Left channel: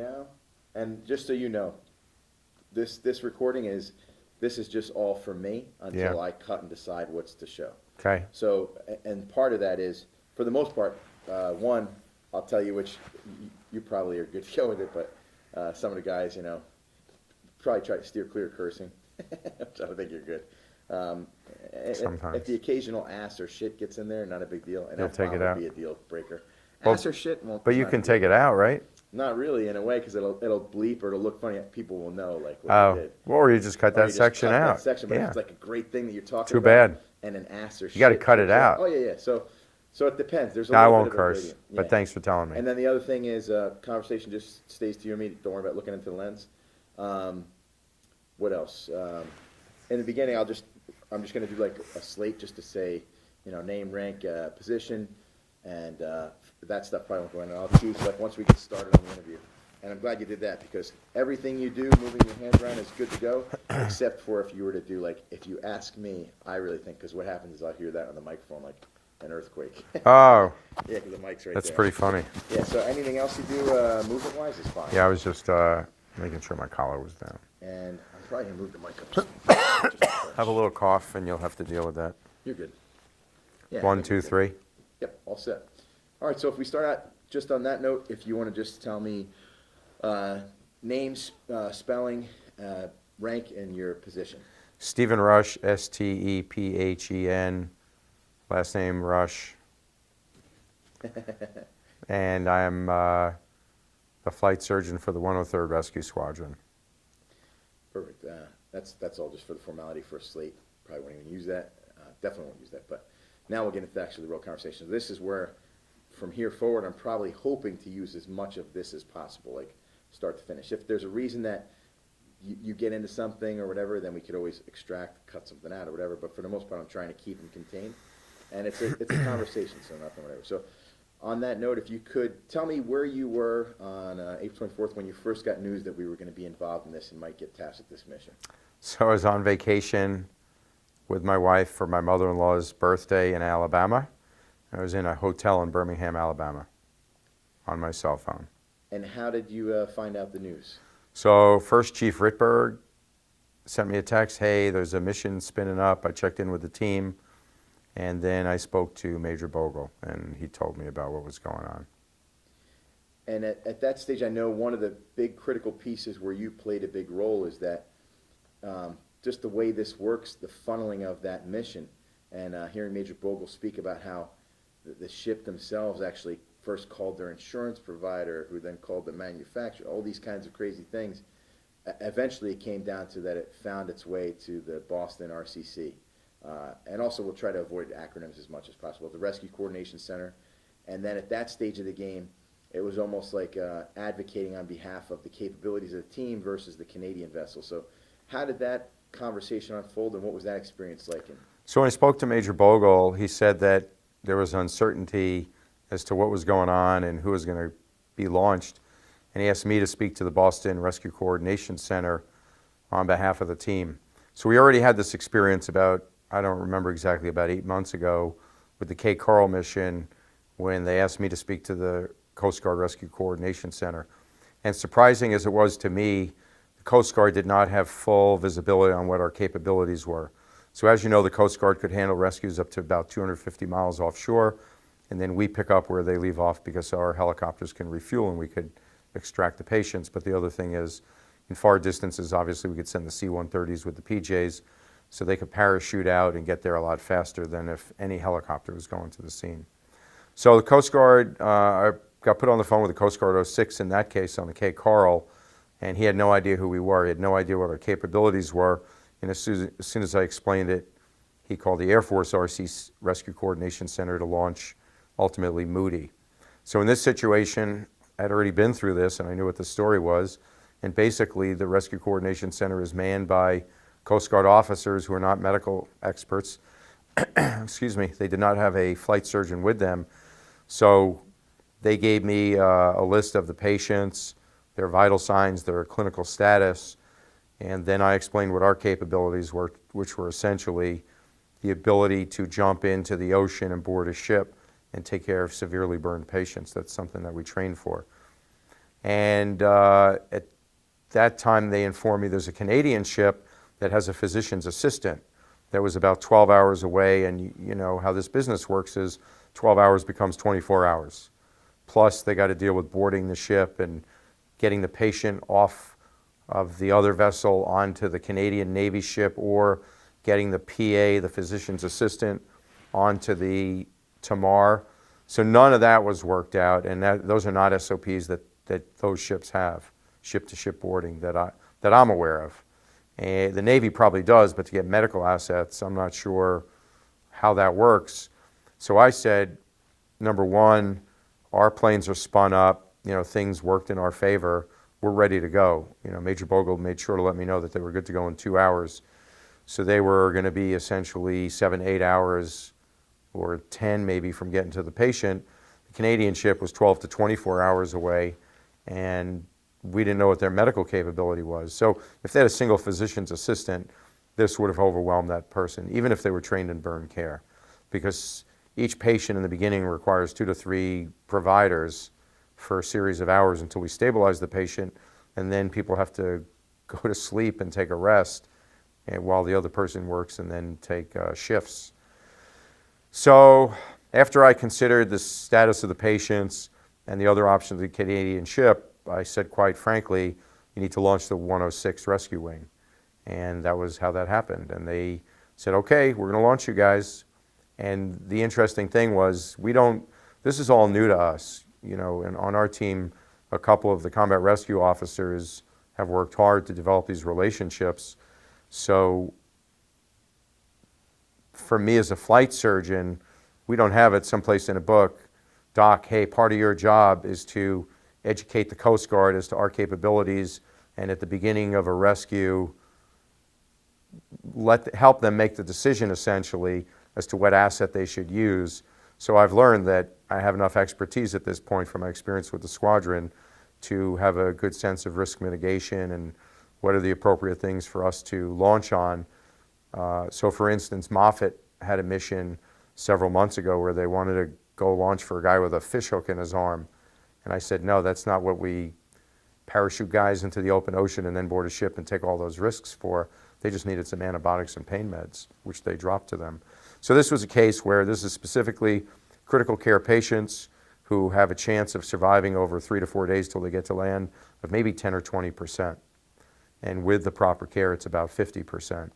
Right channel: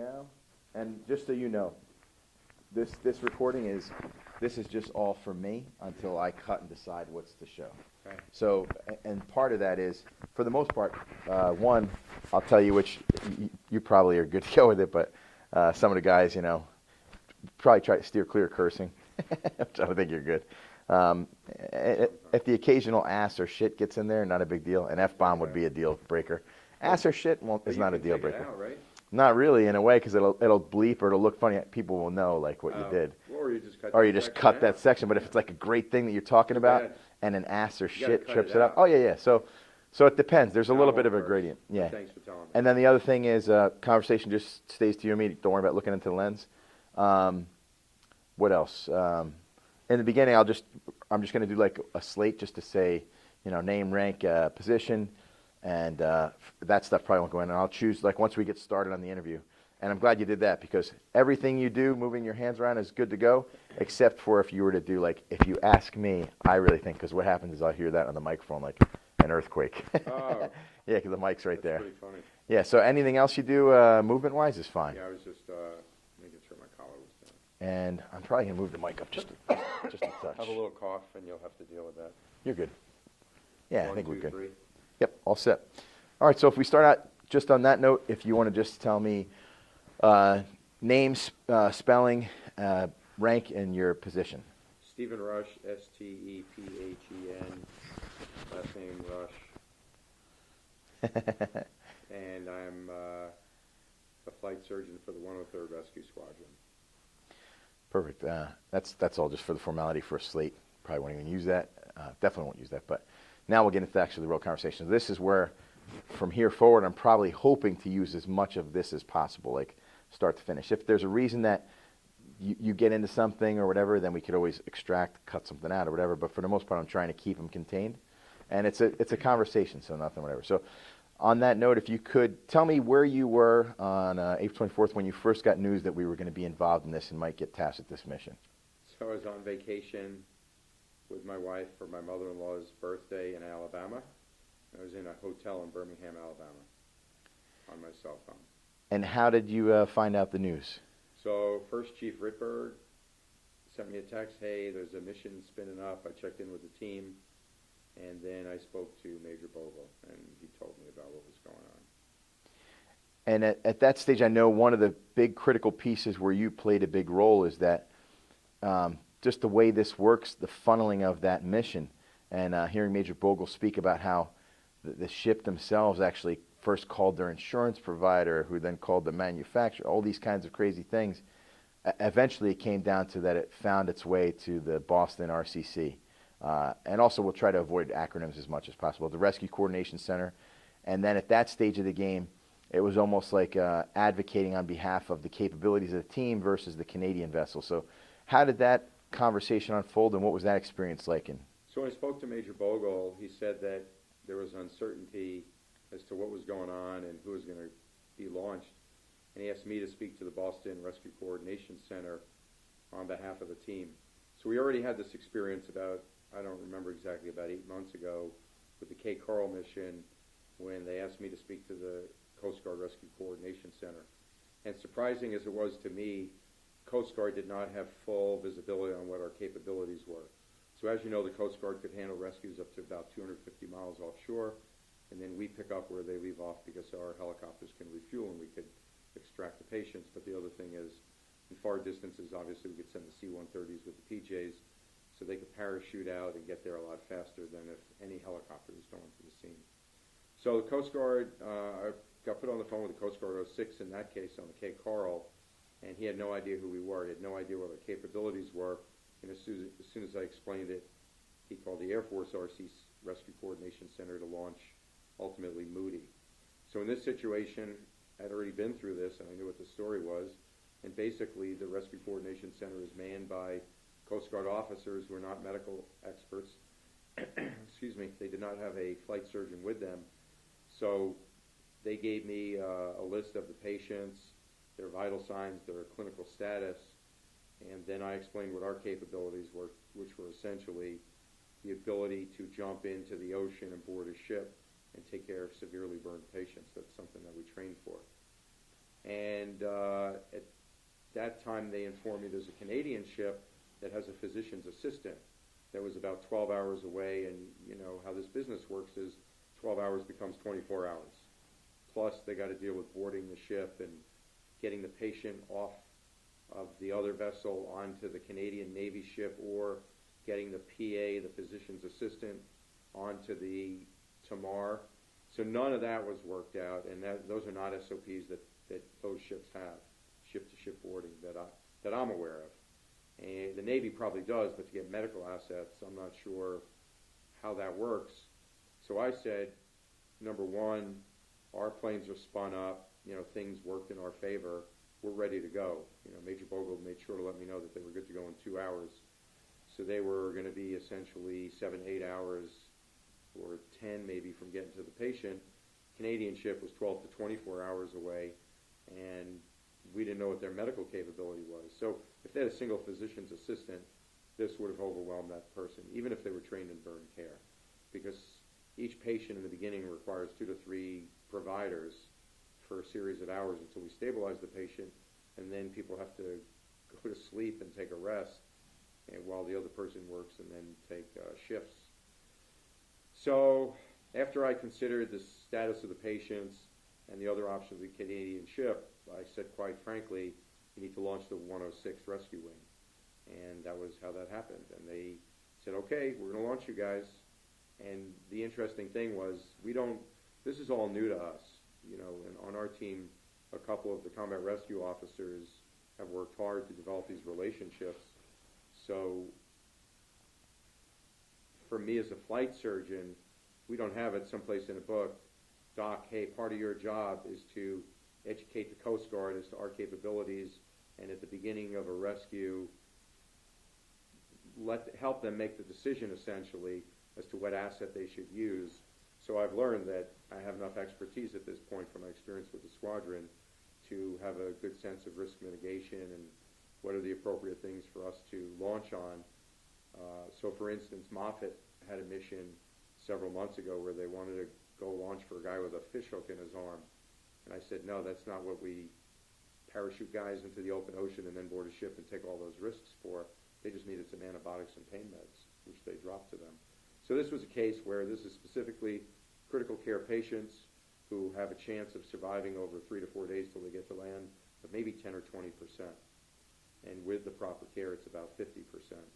now, and just so you know, this recording is just all for me until I cut and decide what's to show. Okay. So, and part of that is, for the most part, one, I'll tell you which you probably are good to go with it, but some of the guys, you know, probably try to steer clear of cursing, which I don't think you're good. If the occasional ass or shit gets in there, not a big deal. An F-bomb would be a deal breaker. Ass or shit won't. But you can take it out, right? Not really, in a way, because it'll bleep or it'll look funny. People will know like what you did. Well, or you just cut that section out. That section. But if it's like a great thing that you're talking about, bad. And an ass or shit, you got to cut it out. Oh yeah. So it depends. There's a little bit of a gradient. Yeah. But thanks for telling me. And then the other thing is, conversation just stays to you and me. Don't worry about looking into the lens. What else? In the beginning, I'm just going to do like a slate just to say, you know, name, rank, position, and that stuff probably won't go in. And I'll choose like once we get started on the interview. And I'm glad you did that, because everything you do, moving your hands around, is good to go, except for if you were to do like, if you ask me, I really think, because what happens is I'll hear that on the microphone like an earthquake. Oh. Yeah, because the mic's right there. That's pretty funny. Yeah, so anything else you do movement-wise is fine. Yeah, I was just making sure my collar was down. And I'm probably going to move the mic up just have a little cough, and you'll have to deal with that. You're good. Yeah, 1, 2, 3. Yep, all set. All right, so if we start out just on that note, if you want to just tell me names, spelling, rank, and your position. Stephen Rush, Stephen, last name Rush. And I am a flight surgeon for the 103rd Rescue Squadron. Perfect. That's all just for the formality for a slate. Probably won't even use that. Definitely won't use that. But now we'll get into actually the real conversation. This is where, from here forward, I'm probably hoping to use as much of this as possible, like start to finish. If there's a reason that you get into something or whatever, then we could always extract, cut something out or whatever. But for the most part, I'm trying to keep them contained. And it's a conversation, so nothing, whatever. So on that note, if you could tell me where you were on April 24th when you first got news that we were going to be involved in this and might get tasked with this mission. So I was on vacation with my wife for my mother-in-law's birthday in Alabama. I was in a hotel in Birmingham, Alabama, on my cell phone. And how did you find out the news? So first, Chief Rittberg sent me a text, hey, there's a mission spinning up. I checked in with the team. And then I spoke to Major Bogle, and he told me about what was going on. And at that stage, I know one of the big critical pieces where you played a big role is that just the way this works, the funneling of that mission, and hearing Major Bogle speak about how the ship themselves actually first called their insurance provider, who then called the manufacturer, all these kinds of crazy things. Eventually, it came down to that it found its way to the Boston RCC. And also we'll try to avoid acronyms as much as possible. The Rescue Coordination Center. And then at that stage of the game, it was almost like advocating on behalf of the capabilities of the team versus the Canadian vessel. So how did that conversation unfold, and what was that experience like? So when I spoke to Major Bogle, he said that there was uncertainty as to what was going on and who was going to be launched. And he asked me to speak to the Boston Rescue Coordination Center on behalf of the team. So we already had this experience about, I don't remember exactly, about 8 months ago with the Cape Coral mission, when they asked me to speak to the Coast Guard Rescue Coordination Center. And surprising as it was to me, the Coast Guard did not have full visibility on what our capabilities were. So as you know, the Coast Guard could handle rescues up to about 250 miles offshore, and then we pick up where they leave off because our helicopters can refuel and we could extract the patients. But the other thing is, in far distances, obviously we could send the C-130s with the PJs, so they could parachute out and get there a lot faster than if any helicopter was going to the scene. So the Coast Guard, I got put on the phone with the Coast Guard 06 in that case on the Cape Coral, and he had no idea who we were. He had no idea what our capabilities were. And as soon as I explained it, he called the Air Force RC Rescue Coordination Center to launch, ultimately, Moody. So in this situation, I'd already been through this, and I knew what the story was. And basically, the Rescue Coordination Center is manned by Coast Guard officers who are not medical experts. Excuse me. They did not have a flight surgeon with them. So they gave me a list of the patients, their vital signs, their clinical status, and then I explained what our capabilities were, which were essentially the ability to jump into the ocean and board a ship and take care of severely burned patients. That's something that we train for. And at that time, they informed me there's a Canadian ship that has a physician's assistant that was about 12 hours away. And you know how this business works is 12 hours becomes 24 hours. Plus, they got to deal with boarding the ship and getting the patient off of the other vessel onto the Canadian Navy ship, or getting the PA, the physician's assistant, onto the Tamar. So none of that was worked out, and those are not SOPs that those ships have, ship-to-ship boarding that I'm aware of. And the Navy probably does, but to get medical assets, I'm not sure how that works. So I said, number one, our planes are spun up, you know, things worked in our favor, we're ready to go. You know, Major Bogle made sure to let me know that they were good to go in 2 hours. So they were going to be essentially 7, 8 hours or 10 maybe from getting to the patient. The Canadian ship was 12 to 24 hours away, and we didn't know what their medical capability was. So if they had a single physician's assistant, this would have overwhelmed that person, even if they were trained in burn care, because each patient in the beginning requires 2 to 3 providers for a series of hours until we stabilize the patient, and then people have to go to sleep and take a rest while the other person works and then take shifts. So after I considered the status of the patients and the other options of the Canadian ship, I said, quite frankly, you need to launch the 106 rescue wing. And that was how that happened. And they said, okay, we're going to launch you guys. And the interesting thing was, this is all new to us. You know, and on our team, a couple of the combat rescue officers have worked hard to develop these relationships. So for me as a flight surgeon, we don't have it someplace in a book, Doc, hey, part of your job is to educate the Coast Guard as to our capabilities, and at the beginning of a rescue, help them make the decision essentially as to what asset they should use. So I've learned that I have enough expertise at this point from my experience with the squadron to have a good sense of risk mitigation and what are the appropriate things for us to launch on. So for instance, Moffett had a mission several months ago where they wanted to go launch for a guy with a fish hook in his arm. And I said, no, that's not what we parachute guys into the open ocean and then board a ship and take all those risks for. They just needed some antibiotics and pain meds, which they dropped to them. So this was a case where this is specifically critical care patients who have a chance of surviving over 3 to 4 days till they get to land of maybe 10 or 20%. And with the proper care, it's about 50%.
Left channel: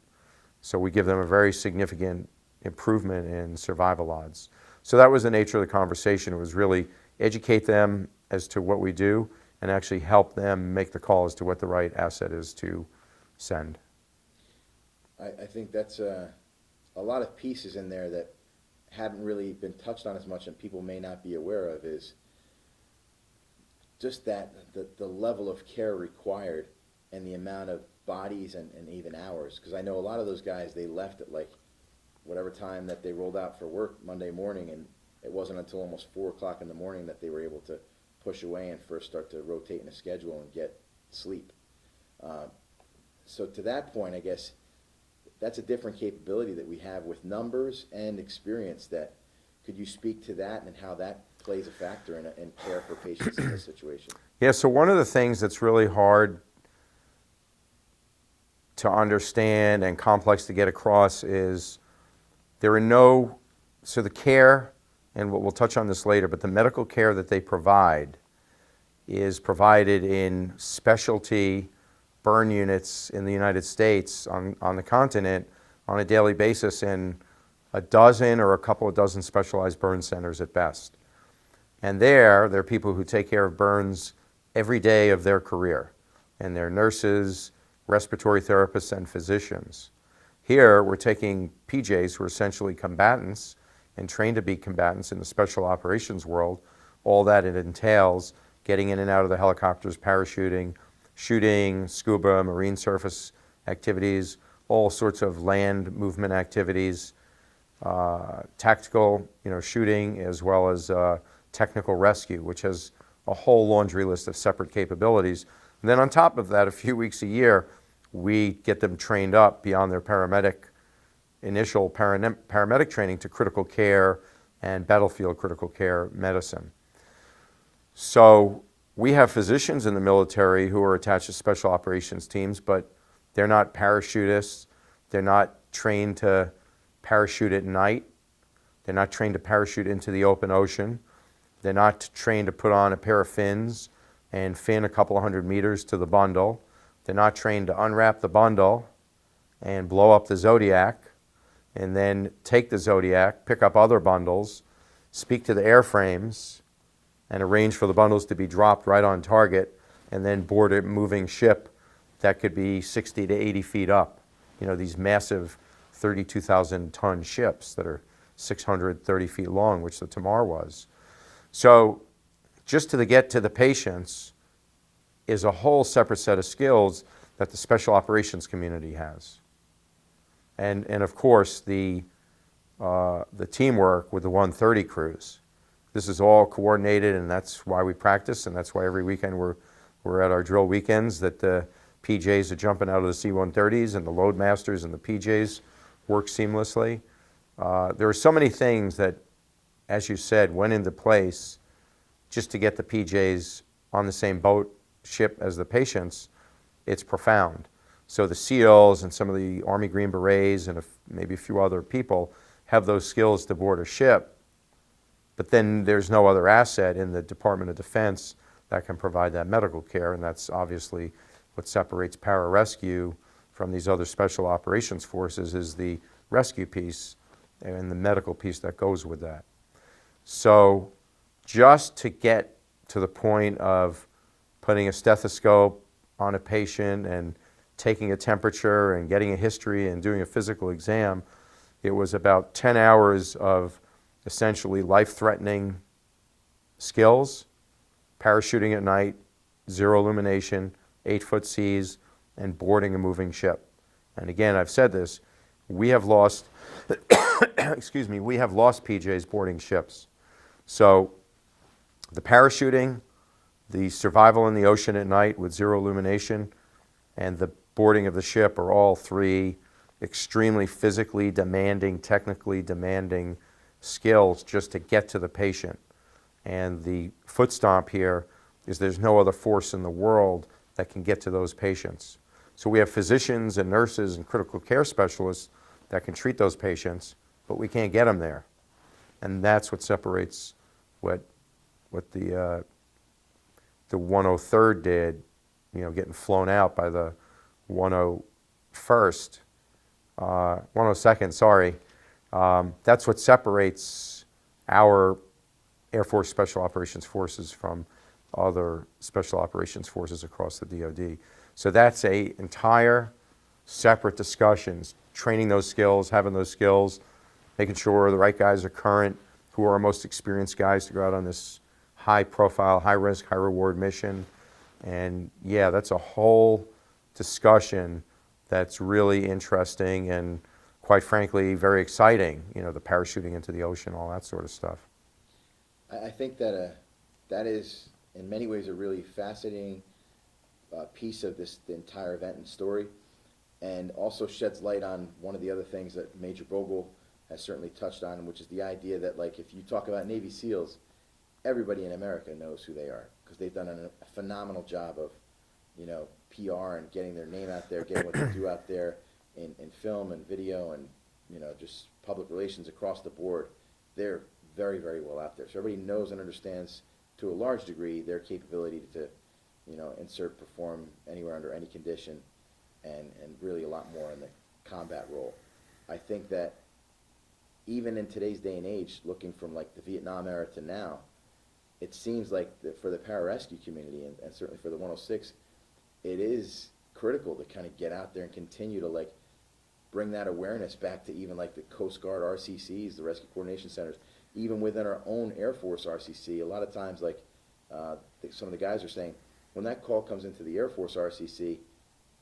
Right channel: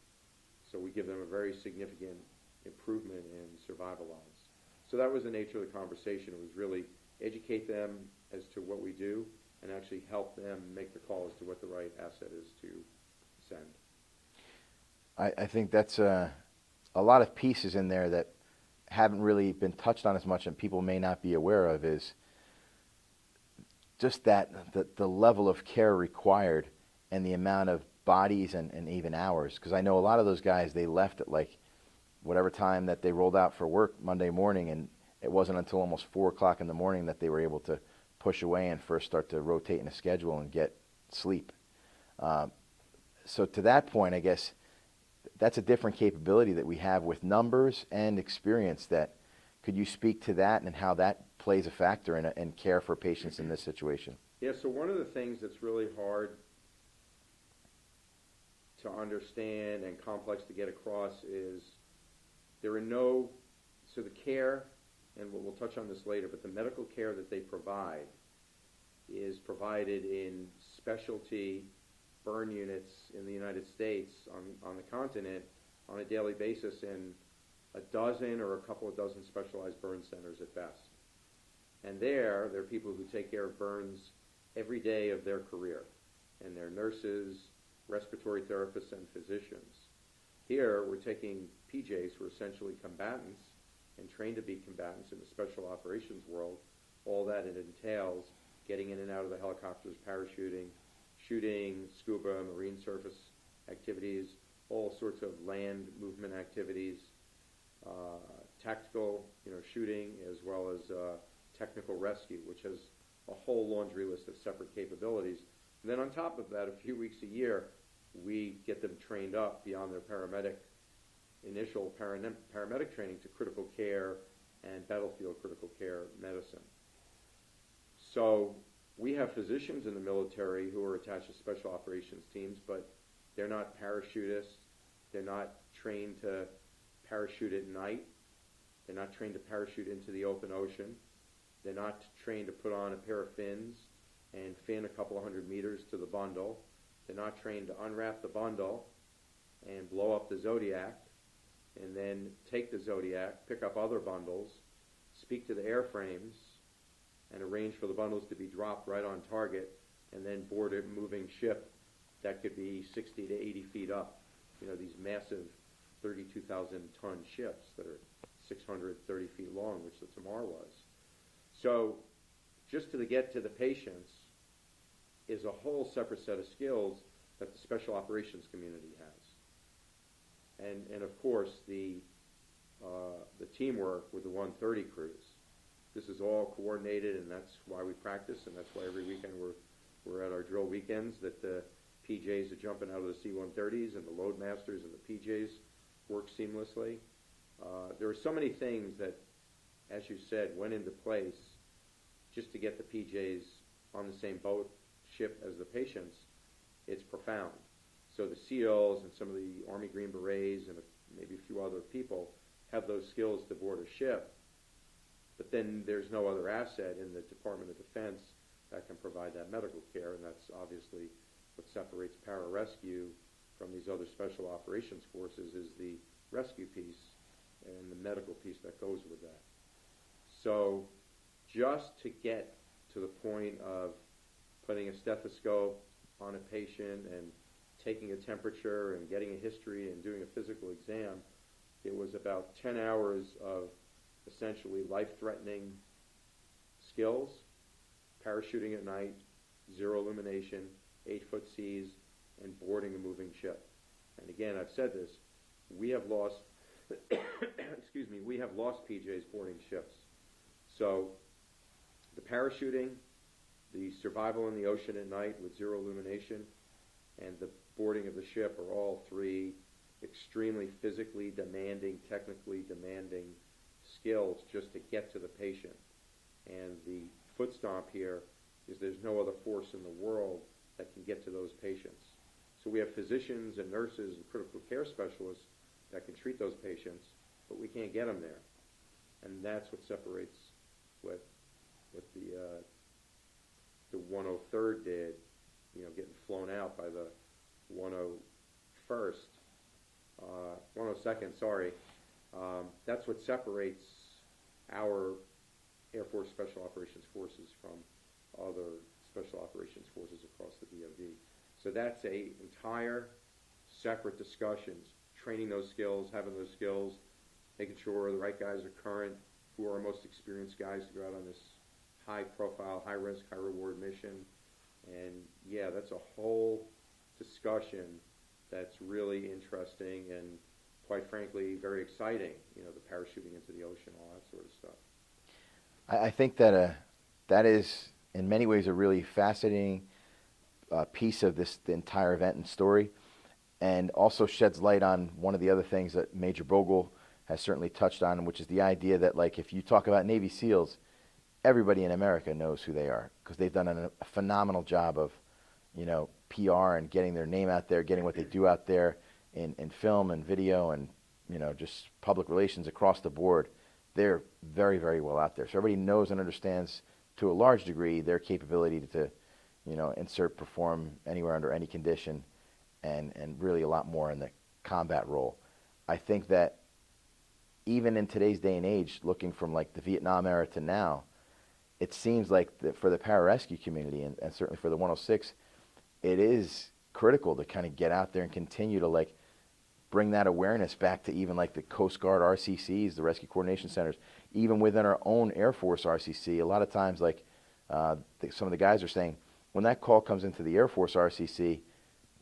So we give them a very significant improvement in survival odds. So that was the nature of the conversation. It was really educate them as to what we do and actually help them make the call as to what the right asset is to send. I think that's a lot of pieces in there that haven't really been touched on as much and people may not be aware of, is just that the level of care required and the amount of bodies and even hours. Because I know a lot of those guys, they left at like whatever time that they rolled out for work Monday morning, and it wasn't until almost 4 o'clock in the morning that they were able to push away and first start to rotate in a schedule and get sleep. So to that point, I guess that's a different capability that we have with numbers and experience. Could you speak to that and how that plays a factor in care for patients in this situation? Yeah, so one of the things that's really hard to understand and complex to get across is so the care, and we'll touch on this later, but the medical care that they provide is provided in specialty burn units in the United States on the continent on a daily basis in a dozen or a couple of dozen specialized burn centers at best. And there are people who take care of burns every day of their career, and they're nurses, respiratory therapists, and physicians. Here, we're taking PJs who are essentially combatants and trained to be combatants in the special operations world. All that it entails, getting in and out of the helicopters, parachuting, shooting, scuba, marine surface activities, all sorts of land movement activities, tactical, shooting, as well as technical rescue, which has a whole laundry list of separate capabilities. And then on top of that, a few weeks a year, we get them trained up beyond their initial paramedic training to critical care and battlefield critical care medicine. So we have physicians in the military who are attached to special operations teams, but they're not parachutists. They're not trained to parachute at night. They're not trained to parachute into the open ocean. They're not trained to put on a pair of fins and fin a couple of 100 meters to the bundle. They're not trained to unwrap the bundle and blow up the Zodiac and then take the Zodiac, pick up other bundles, speak to the airframes, and arrange for the bundles to be dropped right on target, and then board a moving ship that could be 60 to 80 feet up. You know, these massive 32,000-ton ships that are 630 feet long, which the Tamar was. So just to get to the patients is a whole separate set of skills that the special operations community has. And of course, the teamwork with the 130 crews. This is all coordinated, and that's why we practice, and that's why every weekend we're at our drill weekends, that the PJs are jumping out of the C-130s and the loadmasters and the PJs work seamlessly. There are so many things that, as you said, went into place just to get the PJs on the same boat ship as the patients. It's profound. So the SEALs and some of the Army Green Berets and maybe a few other people have those skills to board a ship, but then there's no other asset in the Department of Defense that can provide that medical care, and that's obviously what separates pararescue from these other special operations forces, is the rescue piece and the medical piece that goes with that. So just to get to the point of putting a stethoscope on a patient and taking a temperature and getting a history and doing a physical exam, it was about 10 hours of essentially life-threatening skills, parachuting at night, zero illumination, 8-foot seas, and boarding a moving ship. And again, I've said this, we have lost, excuse me, we have lost PJs boarding ships. So the parachuting, the survival in the ocean at night with zero illumination, and the boarding of the ship are all three extremely physically demanding, technically demanding skills just to get to the patient. And the foot stomp here is there's no other force in the world that can get to those patients. So we have physicians and nurses and critical care specialists that can treat those patients, but we can't get them there. And that's what separates what the 103rd did, you know, getting flown out by the 102nd, sorry. That's what separates our Air Force Special Operations Forces from other Special Operations Forces across the DoD. So that's a entire separate discussions, training those skills, having those skills, making sure the right guys are current, who are our most experienced guys to go out on this high profile, high risk, high reward mission. And yeah, that's a whole discussion that's really interesting and quite frankly very exciting, you know, the parachuting into the ocean, all that sort of stuff. I think that that is in many ways a really fascinating piece of the entire event and story, and also sheds light on one of the other things that Major Bogle has certainly touched on, which is the idea that, like, if you talk about Navy SEALs, everybody in America knows who they are because they've done a phenomenal job of, you know, PR and getting their name out there, getting what they do out there in film and video and, you know, just public relations across the board. They're very, very well out there. So everybody knows and understands to a large degree their capability to, you know, insert, perform anywhere under any condition, and really a lot more in the combat role. I think that even in today's day and age, looking from like the Vietnam era to now, it seems like for the pararescue community and certainly for the 106, it is critical to kind of get out there and continue to like bring that awareness back to even like the Coast Guard RCCs, the Rescue Coordination Centers, even within our own Air Force RCC. A lot of times, like some of the guys are saying, when that call comes into the Air Force RCC,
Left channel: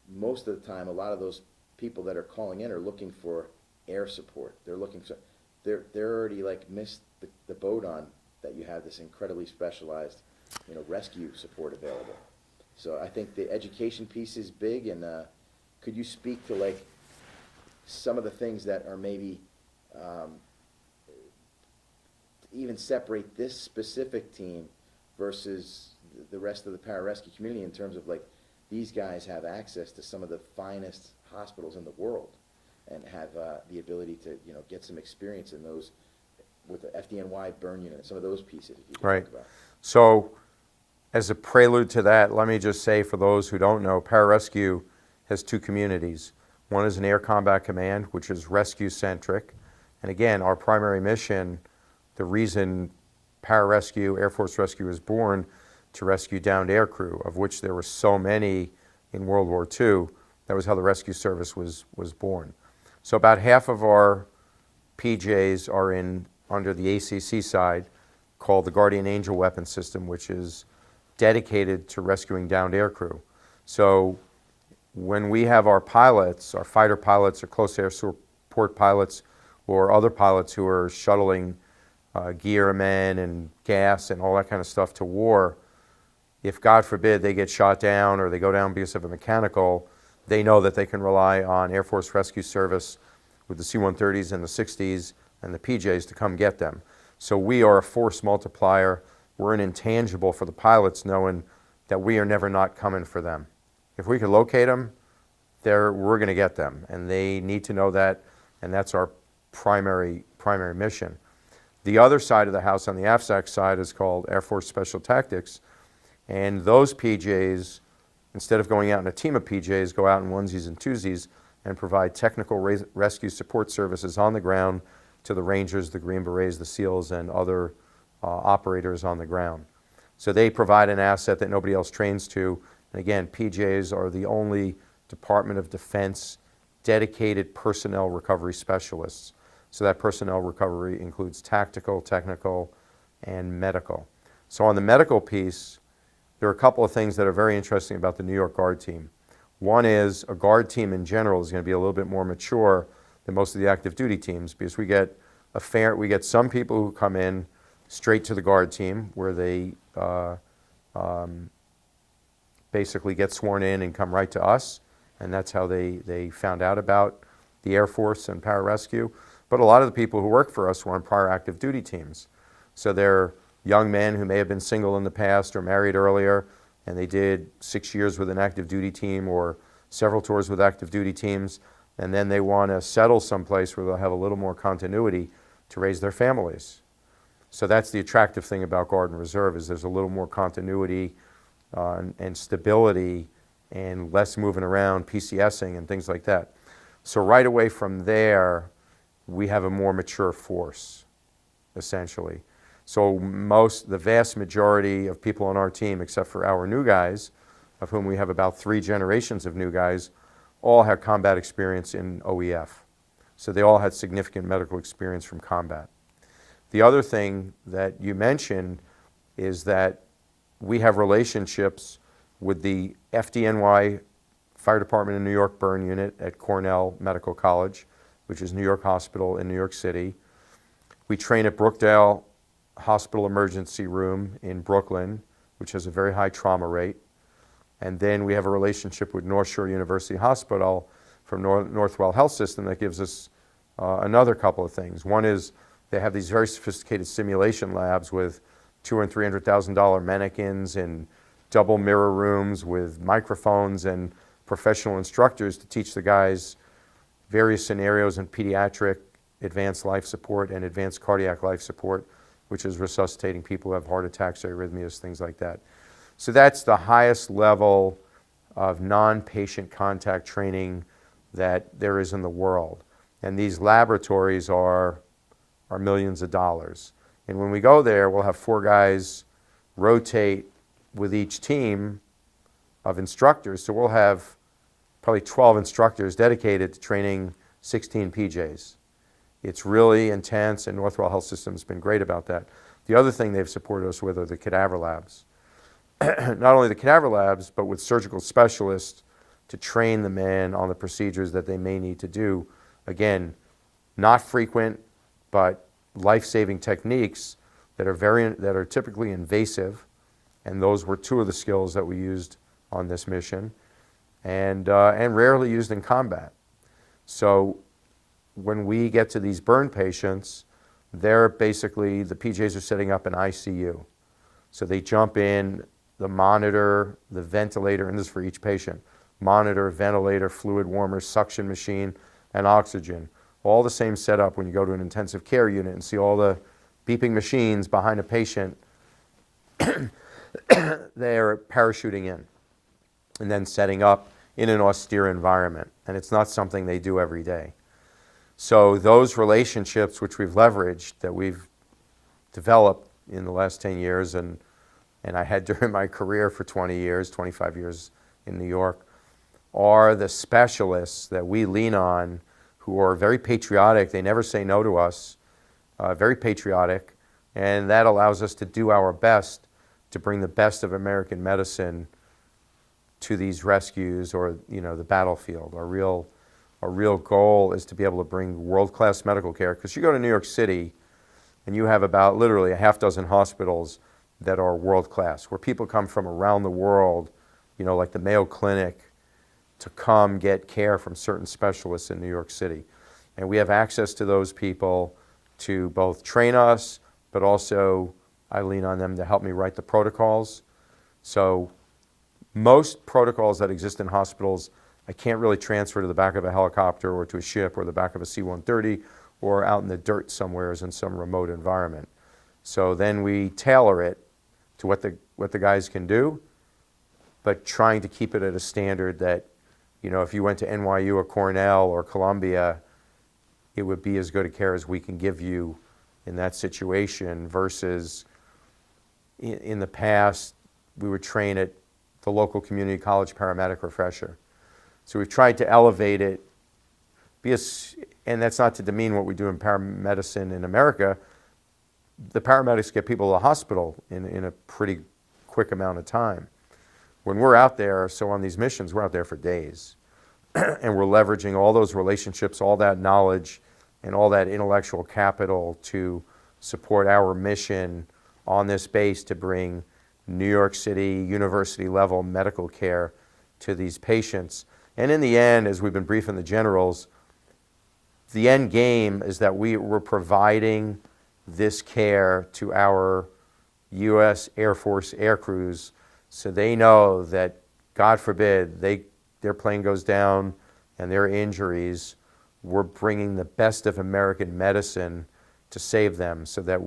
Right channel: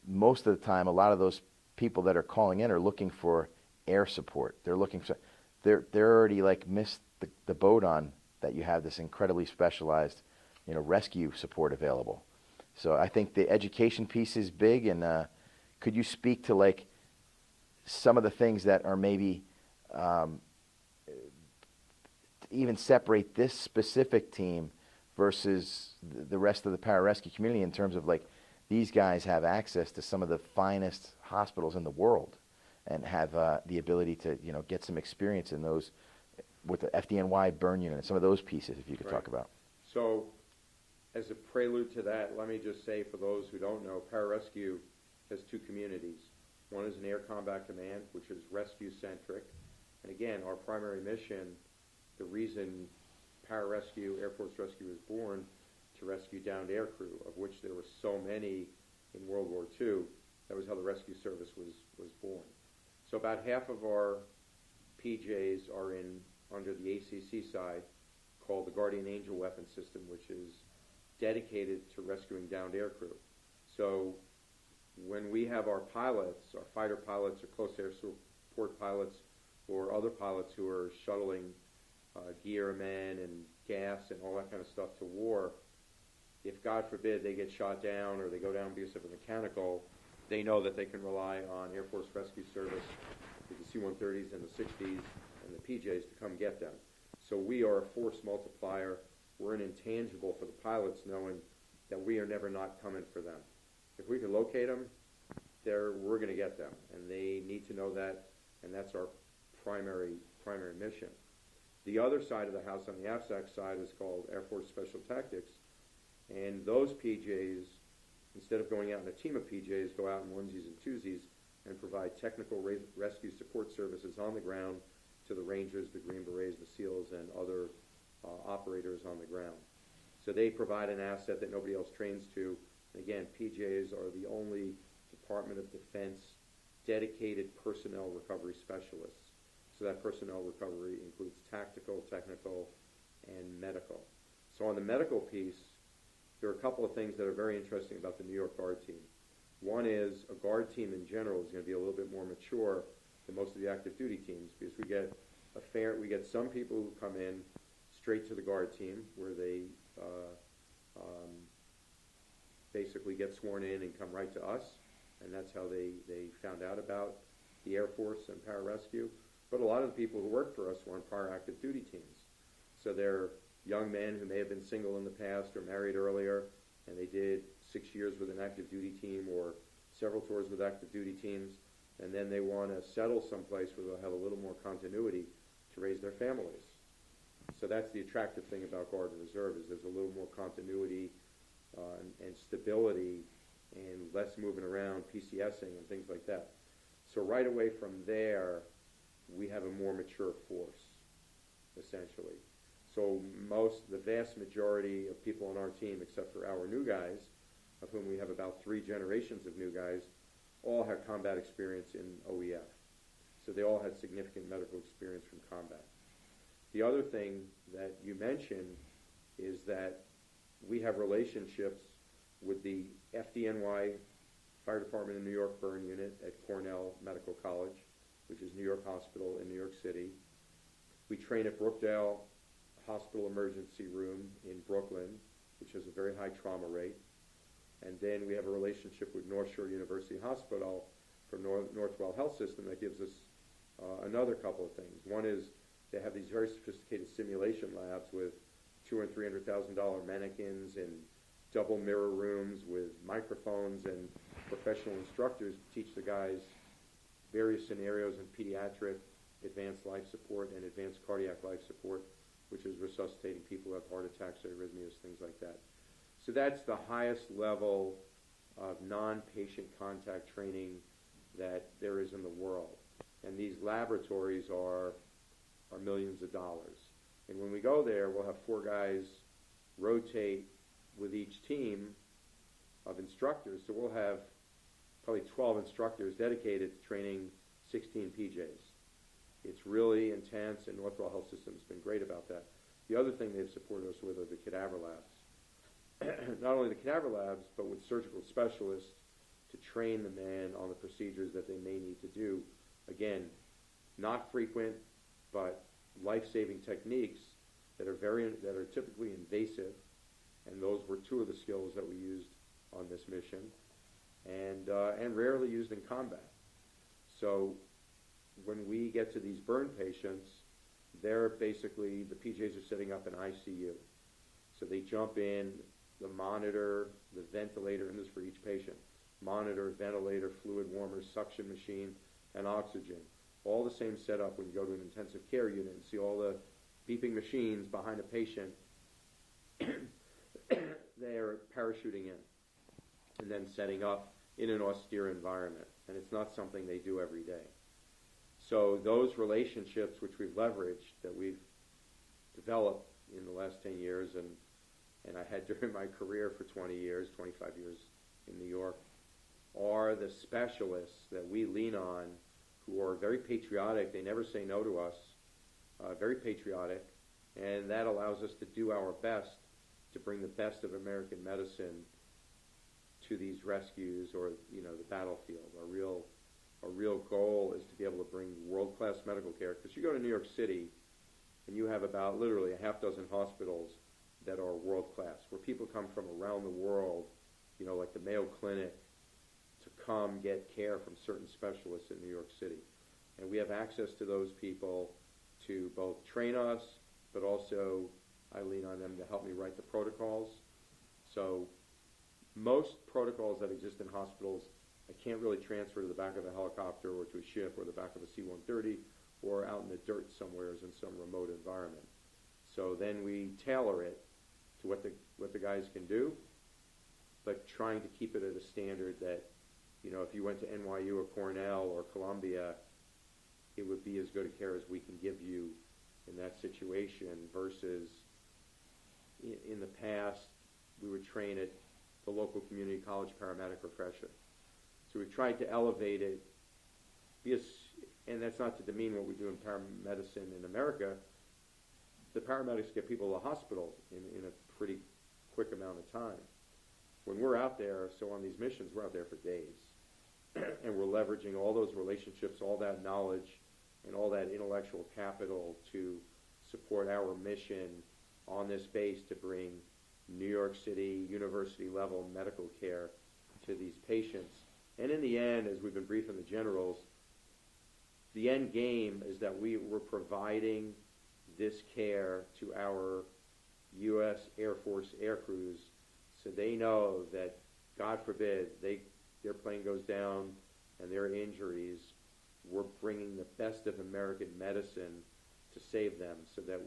most of the time, a lot of those people that are calling in are looking for air support. They're looking for, they're already like missed the boat on that you have this incredibly specialized, you know, rescue support available. So I think the education piece is big, and could you speak to like some of the things that are maybe even separate this specific team versus the rest of the pararescue community in terms of like these guys have access to some of the finest hospitals in the world and have the ability to get some experience in those with the FDNY burn unit and some of those pieces if you could Right. talk about. So as a prelude to that, let me just say for those who don't know, pararescue has two communities. One is an Air Combat Command, which is rescue-centric. And again, our primary mission, the reason pararescue, Air Force Rescue was born to rescue downed air crew, of which there were so many in World War II. That was how the rescue service was born. So about half of our PJs are under the ACC side, called the Guardian Angel weapon system, which is dedicated to rescuing downed air crew. So when we have our pilots, our fighter pilots or close air support pilots or other pilots who are shuttling gear men and gas and all that kind of stuff to war, if God forbid they get shot down or they go down because of a mechanical, they know that they can rely on Air Force Rescue Service with the C-130s and the 60s and the PJs to come get them. So we are a force multiplier. We're an intangible for the pilots, knowing that we are never not coming for them. If we can locate them, we're going to get them, and they need to know that, and that's our primary mission. The other side of the house, on the AFSAC side, is called Air Force Special Tactics, and those PJs, instead of going out in a team of PJs, go out in onesies and twosies and provide technical rescue support services on the ground to the Rangers, the Green Berets, the SEALs, and other operators on the ground. So they provide an asset that nobody else trains to. And again, PJs are the only Department of Defense dedicated personnel recovery specialists. So that personnel recovery includes tactical, technical, and medical. So on the medical piece, there are a couple of things that are very interesting about the New York Guard team. One is a Guard team in general is going to be a little bit more mature than most of the active duty teams, because we get some people who come in straight to the Guard team where they basically get sworn in and come right to us, and that's how they found out about the Air Force and pararescue. But a lot of the people who work for us were on prior active duty teams. So they're young men who may have been single in the past or married earlier, and they did 6 years with an active duty team or several tours with active duty teams, and then they want to settle someplace where they'll have a little more continuity to raise their families. So that's the attractive thing about Guard and Reserve, is there's a little more continuity and stability and less moving around, PCSing and things like that. So right away from there, we have a more mature force, essentially. So the vast majority of people on our team, except for our new guys, of whom we have about 3 generations of new guys, all had combat experience in OEF. So they all had significant medical experience from combat. The other thing that you mentioned is that we have relationships with the FDNY Fire Department in New York Burn Unit at Cornell Medical College, which is New York Hospital in New York City. We train at Brookdale Hospital Emergency Room in Brooklyn, which has a very high trauma rate. And then we have a relationship with North Shore University Hospital from Northwell Health System that gives us another couple of things. One is they have these very sophisticated simulation labs with $200,000 and $300,000 mannequins and double mirror rooms with microphones and professional instructors to teach the guys various scenarios in pediatric advanced life support and advanced cardiac life support, which is resuscitating people who have heart attacks, arrhythmias, things like that. So that's the highest level of non-patient contact training that there is in the world. And these laboratories are millions of dollars. And when we go there, we'll have 4 guys rotate with each team of instructors. So we'll have probably 12 instructors dedicated to training 16 PJs. It's really intense, and Northwell Health System has been great about that. The other thing they've supported us with are the cadaver labs. Not only the cadaver labs, but with surgical specialists to train the men on the procedures that they may need to do. Again, not frequent, but life-saving techniques that are typically invasive, and those were 2 of the skills that we used on this mission, and rarely used in combat. So when we get to these burn patients, they're basically, the PJs are setting up an ICU. So they jump in, the monitor, the ventilator, and this is for each patient, monitor, ventilator, fluid warmer, suction machine, and oxygen. All the same setup when you go to an intensive care unit and see all the beeping machines behind a patient. They're parachuting in and then setting up in an austere environment. And it's not something they do every day. So those relationships which we've leveraged, that we've developed in the last 10 years, and I had during my career for 20 years, 25 years in New York, are the specialists that we lean on, who are very patriotic. They never say no to us, very patriotic, and that allows us to do our best to bring the best of American medicine to these rescues or, the battlefield. Our real goal is to be able to bring world-class medical care, because you go to New York City and you have about literally a half dozen hospitals that are world-class, where people come from around the world, like the Mayo Clinic, to come get care from certain specialists in New York City. And we have access to those people to both train us, but also I lean on them to help me write the protocols. So most protocols that exist in hospitals, I can't really transfer to the back of a helicopter or to a ship or the back of a C-130 or out in the dirt somewhere in some remote environment. So then we tailor it to what the guys can do, but trying to keep it at a standard that, if you went to NYU or Cornell or Columbia, it would be as good a care as we can give you in that situation, versus in the past, we would train at the local community college paramedic refresher. So we've tried to elevate it, and that's not to demean what we do in paramedicine in America. The paramedics get people to the hospital in a pretty quick amount of time. When we're out there, so on these missions, we're out there for days. And we're leveraging all those relationships, all that knowledge, and all that intellectual capital to support our mission on this base to bring New York City university-level medical care to these patients. And in the end, as we've been briefing the generals, the end game is that we're providing this care to our U.S. Air Force air crews, so they know that, God forbid, their plane goes down and their injuries, we're bringing the best of American medicine to save them, so that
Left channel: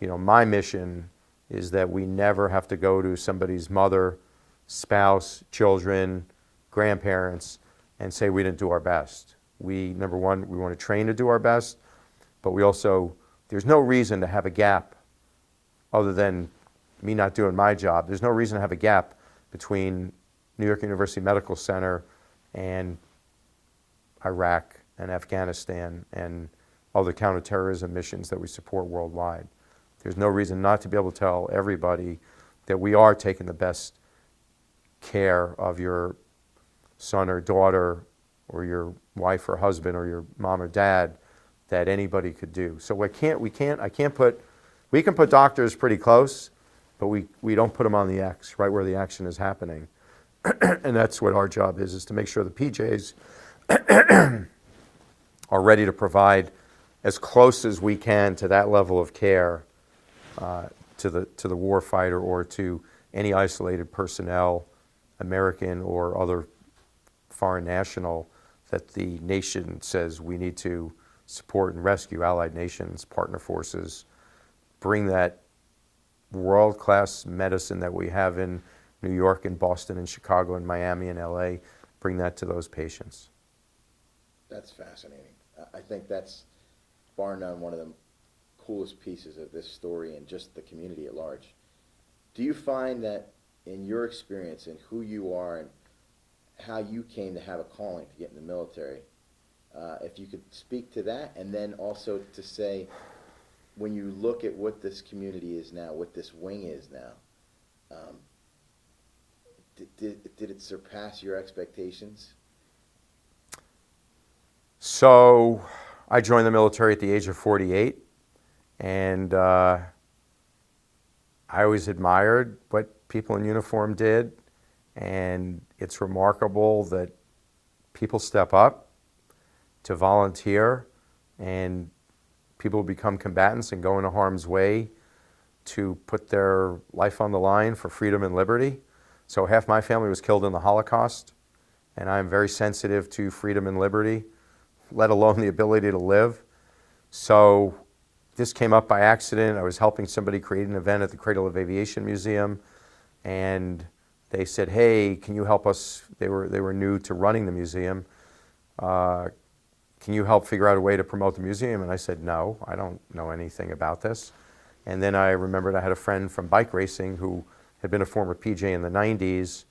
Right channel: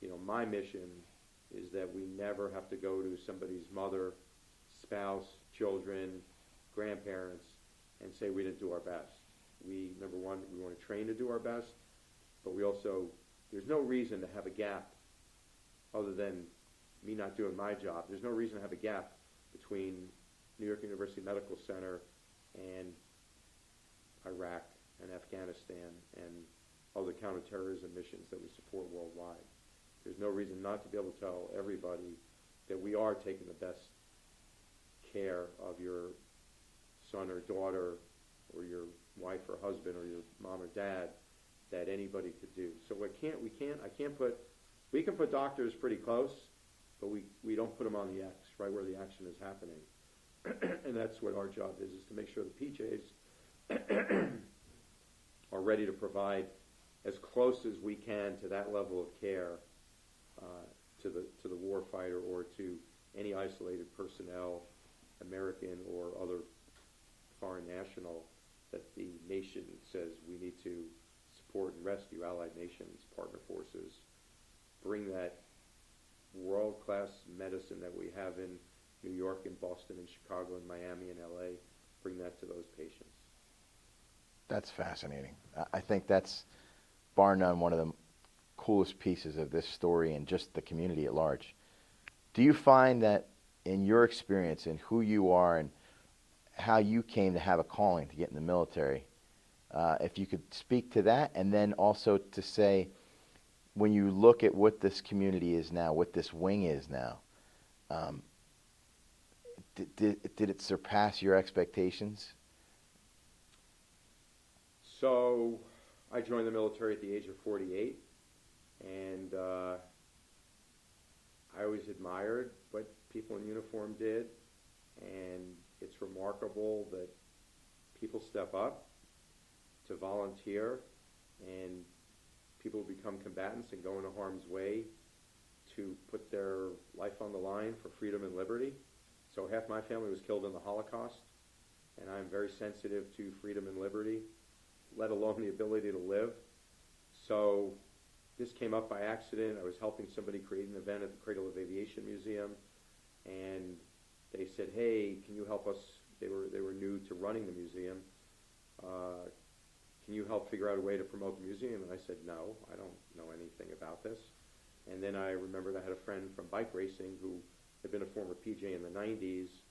my mission is that we never have to go to somebody's mother, spouse, children, grandparents, and say we didn't do our best. Number one, we want to train to do our best, but there's no reason to have a gap other than me not doing my job. There's no reason to have a gap between New York University Medical Center and Iraq and Afghanistan and other counterterrorism missions that we support worldwide. There's no reason not to be able to tell everybody that we are taking the best care of your son or daughter or your wife or husband or your mom or dad that anybody could do. So we can put doctors pretty close, but we don't put them on the X, right where the action is happening. And that's what our job is to make sure the PJs are ready to provide as close as we can to that level of care to the war fighter or to any isolated personnel, American or other foreign national, that the nation says we need to support and rescue. Allied nations, partner forces, bring that world-class medicine that we have in New York and Boston and Chicago and Miami and LA, bring that to those patients. That's fascinating. I think that's, bar none, one of the coolest pieces of this story and just the community at large. Do you find that in your experience and who you are and how you came to have a calling to get in the military, if you could speak to that, and then also to say, when you look at what this community is now, what this wing is now, did it surpass your expectations? So I joined the military at the age of 48, and I always admired what people in uniform did, and it's remarkable that people step up to volunteer, and people become combatants and go into harm's way to put their life on the line for freedom and liberty. So half my family was killed in the Holocaust, and I'm very sensitive to freedom and liberty, let alone the ability to live. So this came up by accident. I was helping somebody create an event at the Cradle of Aviation Museum, and they said, hey, can you help us? They were new to running the museum. Can you help figure out a way to promote the museum? And I said, no, I don't know anything about this. And then I remembered I had a friend from bike racing who had been a former PJ in the 90s,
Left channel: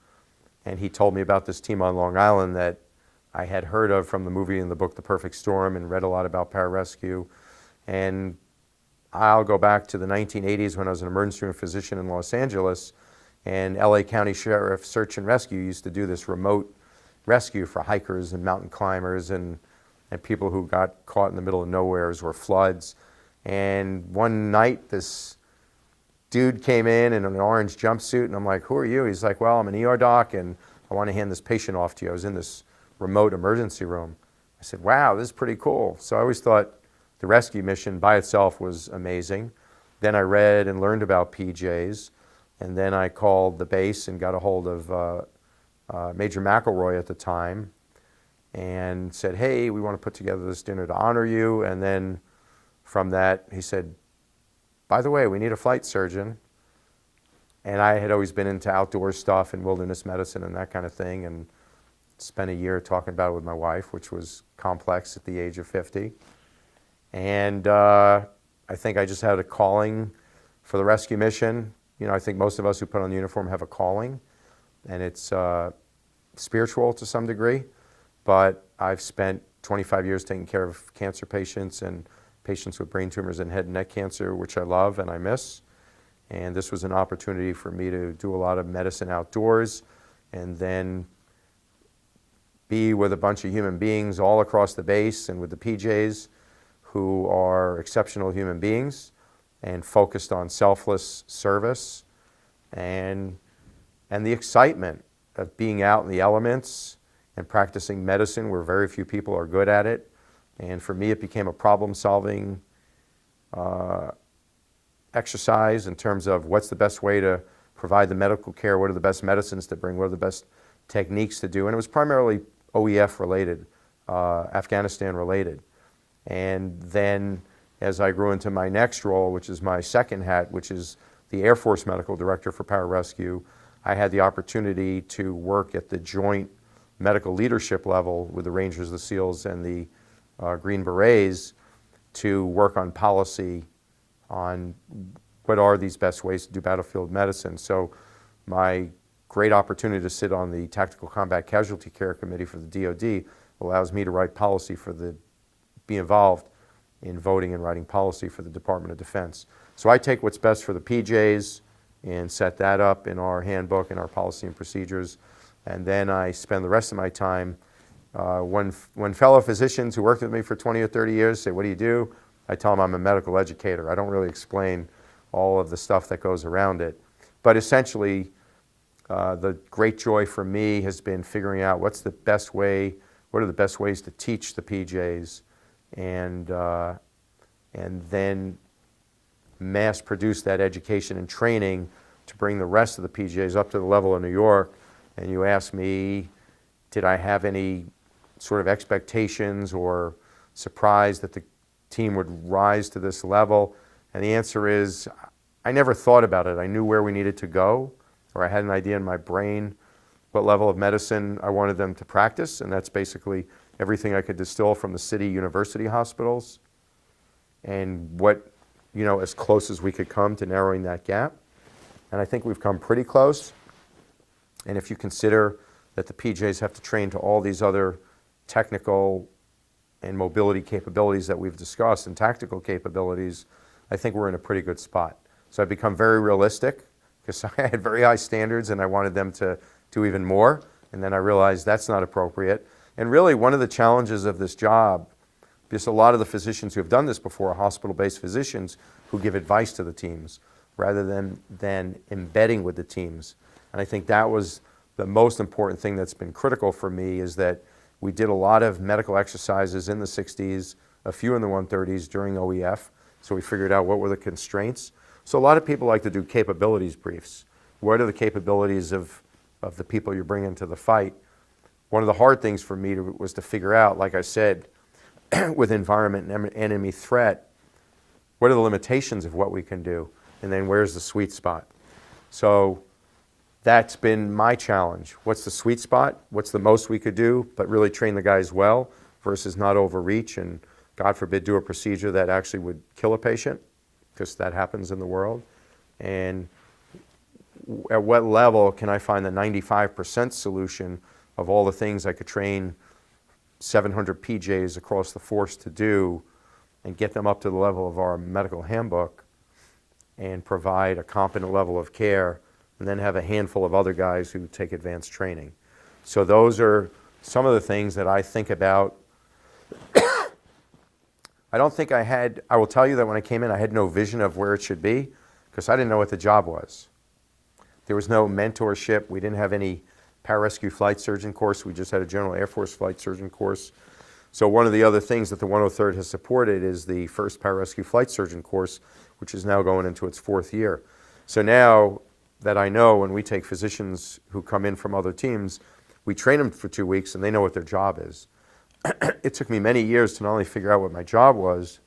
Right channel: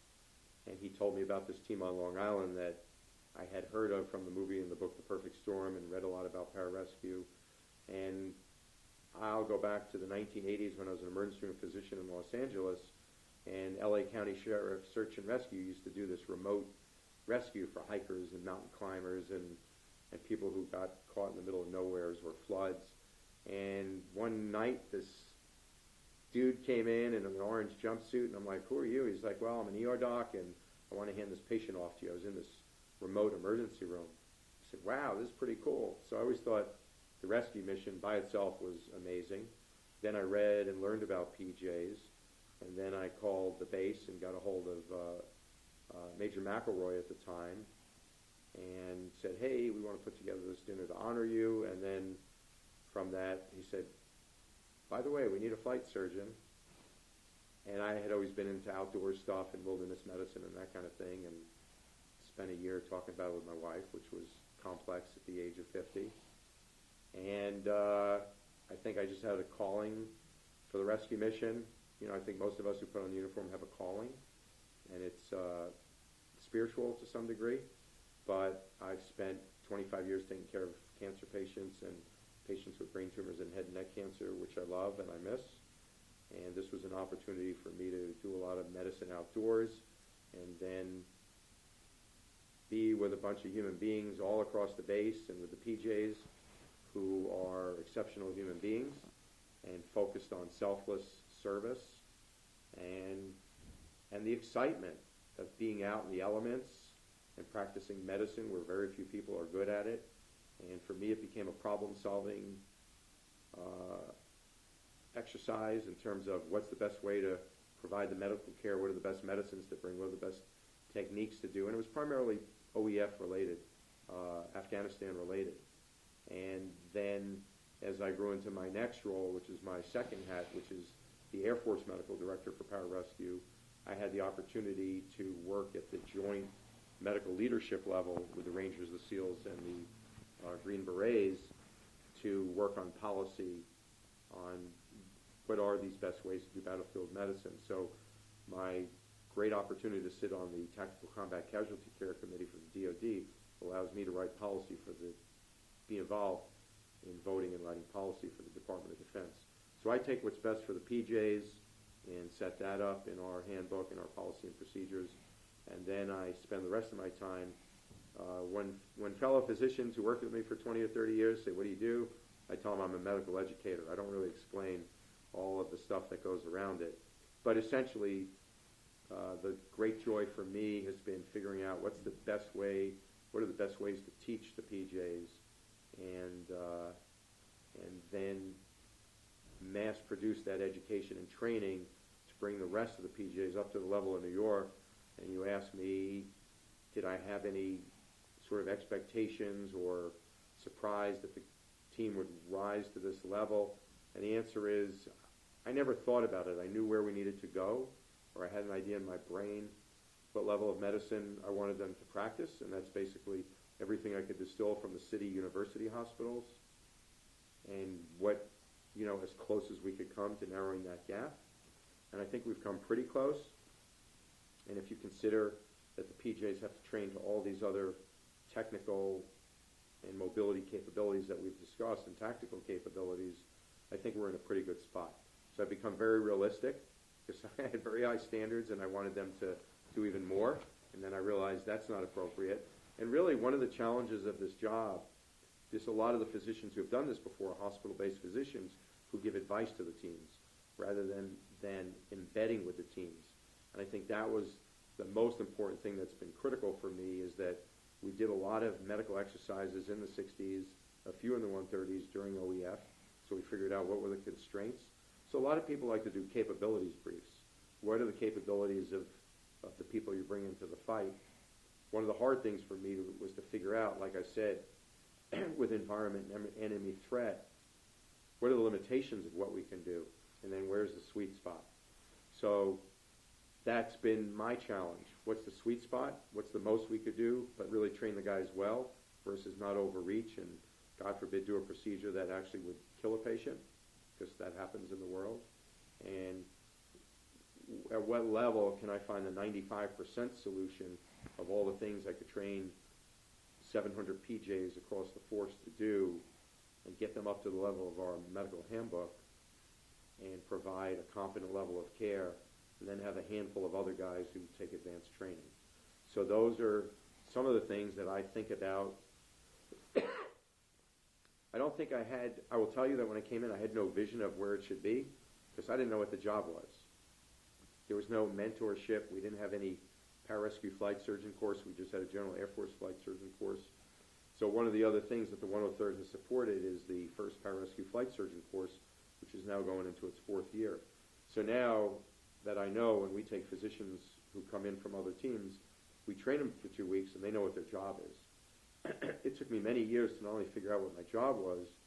and he told me about this team on Long Island that I had heard of from the movie and the book The Perfect Storm, and read a lot about pararescue. And I'll go back to the 1980s when I was an emergency room physician in Los Angeles, and LA County Sheriff Search and Rescue used to do this remote rescue for hikers and mountain climbers and people who got caught in the middle of nowheres or floods. And one night, this dude came in an orange jumpsuit, and I'm like, who are you? He's like, well, I'm an ER doc, and I want to hand this patient off to you. I was in this remote emergency room. I said, wow, this is pretty cool. So I always thought the rescue mission by itself was amazing. Then I read and learned about PJs, and then I called the base and got a hold of Major McElroy at the time and said, hey, we want to put together this dinner to honor you. And then from that, he said, by the way, we need a flight surgeon. And I had always been into outdoor stuff and wilderness medicine and that kind of thing, and spent a year talking about it with my wife, which was complex at the age of 50. And I think I just had a calling for the rescue mission. You know, I think most of us who put on the uniform have a calling, and it's spiritual to some degree. But I've spent 25 years taking care of cancer patients and patients with brain tumors and head and neck cancer, which I love and I miss. And this was an opportunity for me to do a lot of medicine outdoors and then be with a bunch of human beings all across the base and with the PJs who are exceptional human beings and focused on selfless service and the excitement of being out in the elements and practicing medicine where very few people are good at it. And for me, it became a problem-solving exercise in terms of what's the best way to provide the medical care, what are the best medicines to bring, what are the best techniques to do. And it was primarily OEF related, Afghanistan related. And then as I grew into my next role, which is my second hat, which is the Air Force Medical Director for Pararescue, I had the opportunity to work at the joint medical leadership level with the Rangers, the SEALs, and the Green Berets to work on policy on what are these best ways to do battlefield medicine. So my great opportunity to sit on the Tactical Combat Casualty Care Committee for the DoD allows me to write policy be involved in voting and writing policy for the Department of Defense. So I take what's best for the PJs and set that up in our handbook and our policy and procedures. And then I spend the rest of my time, when fellow physicians who worked with me for 20 or 30 years say, what do you do? I tell them I'm a medical educator. I don't really explain all of the stuff that goes around it. But essentially, the great joy for me has been figuring out what are the best ways to teach the PJs and then mass produce that education and training to bring the rest of the PJs up to the level of New York. And you ask me, did I have any sort of expectations or surprise that the team would rise to this level? And the answer is, I never thought about it. I knew where we needed to go, or I had an idea in my brain what level of medicine I wanted them to practice, and that's basically everything I could distill from the city university hospitals and what, as close as we could come to narrowing that gap. And I think we've come pretty close. And if you consider that the PJs have to train to all these other technical and mobility capabilities that we've discussed and tactical capabilities, I think we're in a pretty good spot. So I've become very realistic because I had very high standards and I wanted them to do even more. And then I realized that's not appropriate. And really one of the challenges of this job, because a lot of the physicians who have done this before are hospital-based physicians who give advice to the teams rather than embedding with the teams. And I think that was the most important thing that's been critical for me, is that we did a lot of medical exercises in the 60s, a few in the 130s during OEF. So we figured out what were the constraints. So a lot of people like to do capabilities briefs. What are the capabilities of the people you bring into the fight? One of the hard things for me was to figure out, like I said, with environment and enemy threat, what are the limitations of what we can do? And then where's the sweet spot? So that's been my challenge. What's the sweet spot? What's the most we could do, but really train the guys well versus not overreach and, God forbid, do a procedure that actually would kill a patient, because that happens in the world. And at what level can I find the 95% solution of all the things I could train 700 PJs across the force to do and get them up to the level of our medical handbook and provide a competent level of care, and then have a handful of other guys who take advanced training. So those are some of the things that I think about. I don't think I will tell you that when I came in, I had no vision of where it should be, because I didn't know what the job was. There was no mentorship. We didn't have any pararescue flight surgeon course. We just had a General Air Force flight surgeon course. So one of the other things that the 103rd has supported is the first pararescue flight surgeon course, which is now going into its 4th year. So now that I know, when we take physicians who come in from other teams, we train them for 2 weeks and they know what their job is. It took me many years to not only figure out what my job was,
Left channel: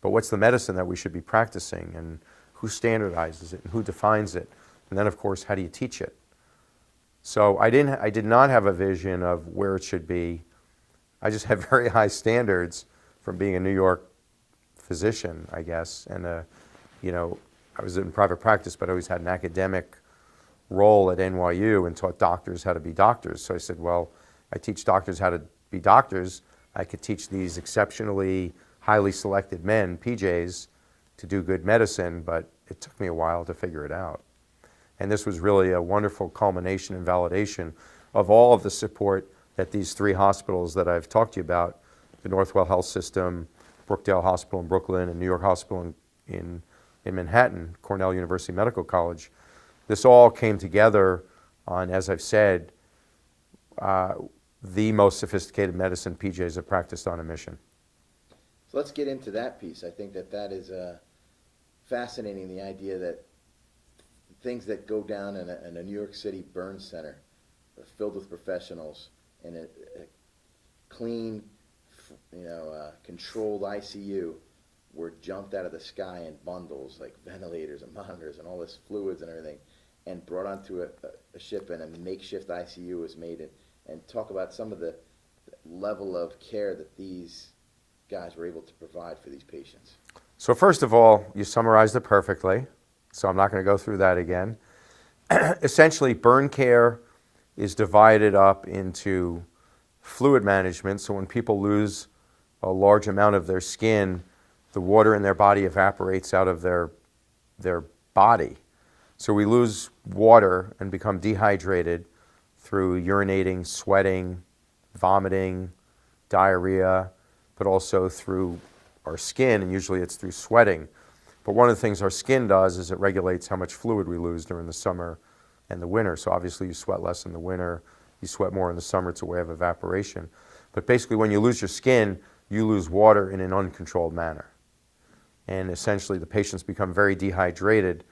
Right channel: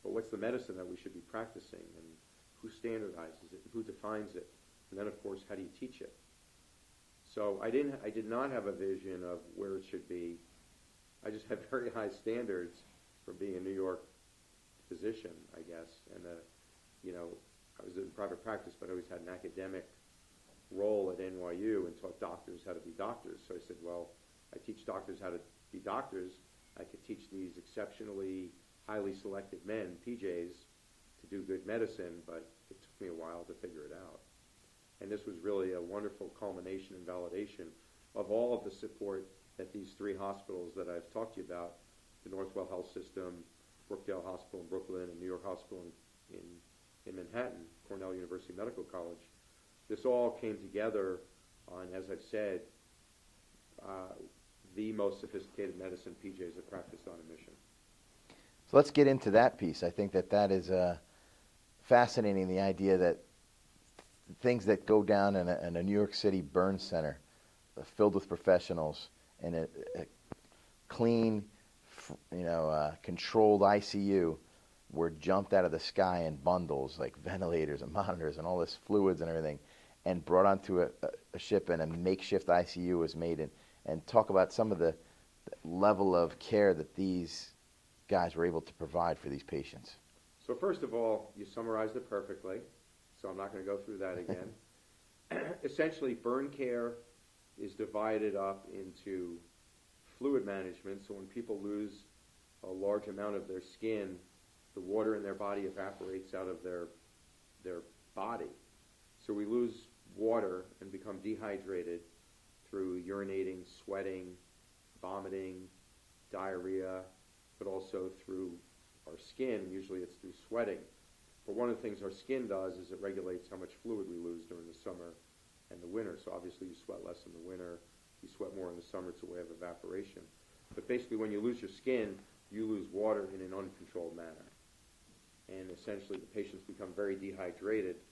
but what's the medicine that we should be practicing, and who standardizes it, and who defines it, and then of course, how do you teach it? So I did not have a vision of where it should be. I just had very high standards from being a New York physician, I guess, and I was in private practice, but I always had an academic role at NYU and taught doctors how to be doctors. So I said, well, I teach doctors how to be doctors. I could teach these exceptionally highly selected men, PJs, to do good medicine, but it took me a while to figure it out. And this was really a wonderful culmination and validation of all of the support that these 3 hospitals that I've talked to you about, the Northwell Health System, Brookdale Hospital in Brooklyn, and New York Hospital in Manhattan, Cornell University Medical College, this all came together on, as I've said, the most sophisticated medicine PJs have practiced on a mission. So let's get into that piece. I think that is fascinating, the idea that things that go down in a New York City burn center filled with professionals in a clean, controlled ICU were jumped out of the sky in bundles, like ventilators and monitors and all this fluids and everything, and brought onto a ship, and a makeshift ICU was made. And talk about some of the level of care that these guys were able to provide for these patients. So first of all, you summarized it perfectly, so I'm not going to go through that again. Essentially, burn care is divided up into fluid management. So when people lose a large amount of their skin, the water in their body evaporates out of their body. So we lose water and become dehydrated through urinating, sweating, vomiting, diarrhea, but also through our skin, and usually it's through sweating. But one of the things our skin does is it regulates how much fluid we lose during the summer and the winter. So obviously you sweat less in the winter, you sweat more in the summer. It's a way of evaporation. But basically when you lose your skin, you lose water in an uncontrolled manner. And essentially the patients become very dehydrated,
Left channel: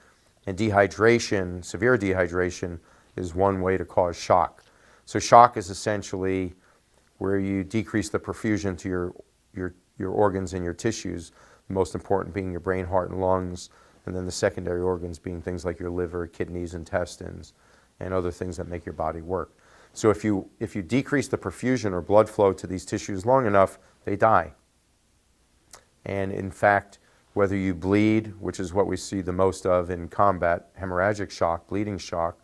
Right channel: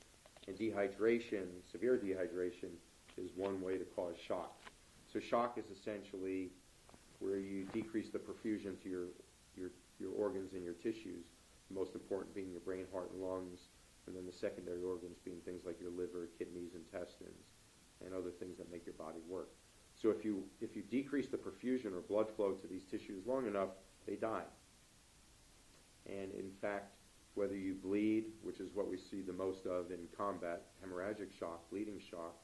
and dehydration, severe dehydration, is one way to cause shock. So shock is essentially where you decrease the perfusion to your organs and your tissues, the most important being your brain, heart, and lungs, and then the secondary organs being things like your liver, kidneys, intestines, and other things that make your body work. So if you decrease the perfusion or blood flow to these tissues long enough, they die. And in fact, whether you bleed, which is what we see the most of in combat, hemorrhagic shock, bleeding shock,